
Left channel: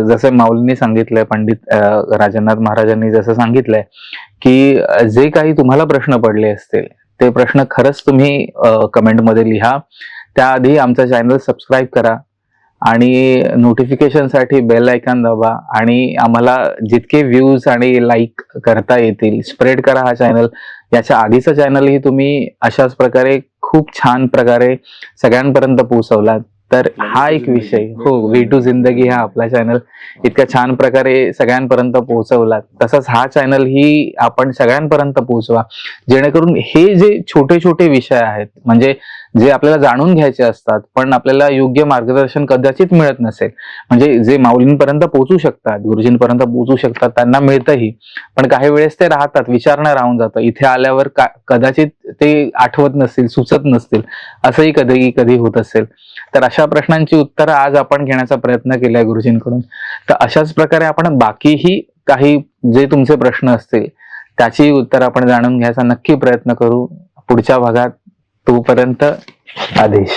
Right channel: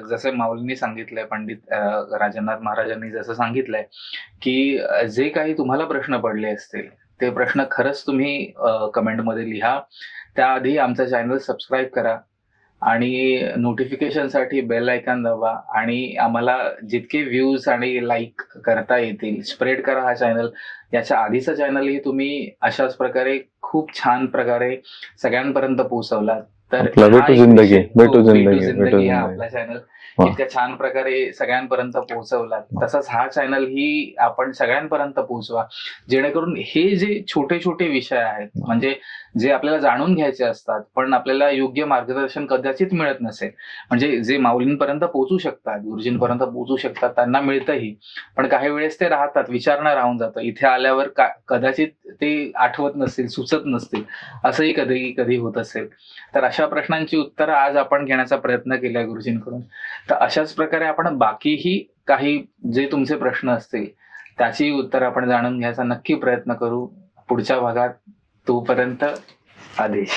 जसे माऊलींनी सांगितलंय, पंडित राजनाथ महाराजांनी जसं सांगितलंय की जे काही तुम्हाला प्रश्न पडले असतील ते प्रश्न खरंच तुम्ही कमेंटमध्ये लिहा. त्याआधी आमचा चॅनल सबस्क्राईब करा आणि नोटिफिकेशन साठी बेल आयकॉन दाबा, आणि आम्हाला जितके व्ह्यूज आणि लाईक करता येतील स्प्रेड करा हा चॅनल. याच्या आधीचा चॅनलही तुम्ही अशाच प्रकारे खूप छान प्रकारे सगळ्यांपर्यंत पोहोचवलात. तर हा एक विषय, भेटू जिंदगी हा आपला चॅनल इतक्या छान प्रकारे सगळ्यांपर्यंत पोहोचवलात, तसंच हा चॅनल ही आपण सगळ्यांपर्यंत पोहोचवा, जेणेकरून हे जे छोटे छोटे विषय आहेत, म्हणजे जे आपल्याला जाणून घ्यायचे असतात पण आपल्याला योग्य मार्गदर्शन कदाचित मिळत नसेल, म्हणजे जे माऊलींपर्यंत पोहोचू शकतात, गुरुजींपर्यंत पोहोचू शकतात, त्यांना मिळतंही, पण काही वेळेस ते राहतात, विचारणं राहून जातं. इथे आल्यावर कदाचित ते आठवत नसतील, सुचत नसतील, असंही कधी कधी होत असेल. तर अशा प्रश्नांची उत्तरं आज आपण घेण्याचा प्रयत्न केलाय गुरुजींकडून. तर अशाच प्रकारे आपण बाकीही काही जे तुमचे प्रश्न असतील त्याची उत्तर आपण जाणून घ्यायचा नक्की प्रयत्न करू पुढच्या भागात. तोपर्यंत आदेश.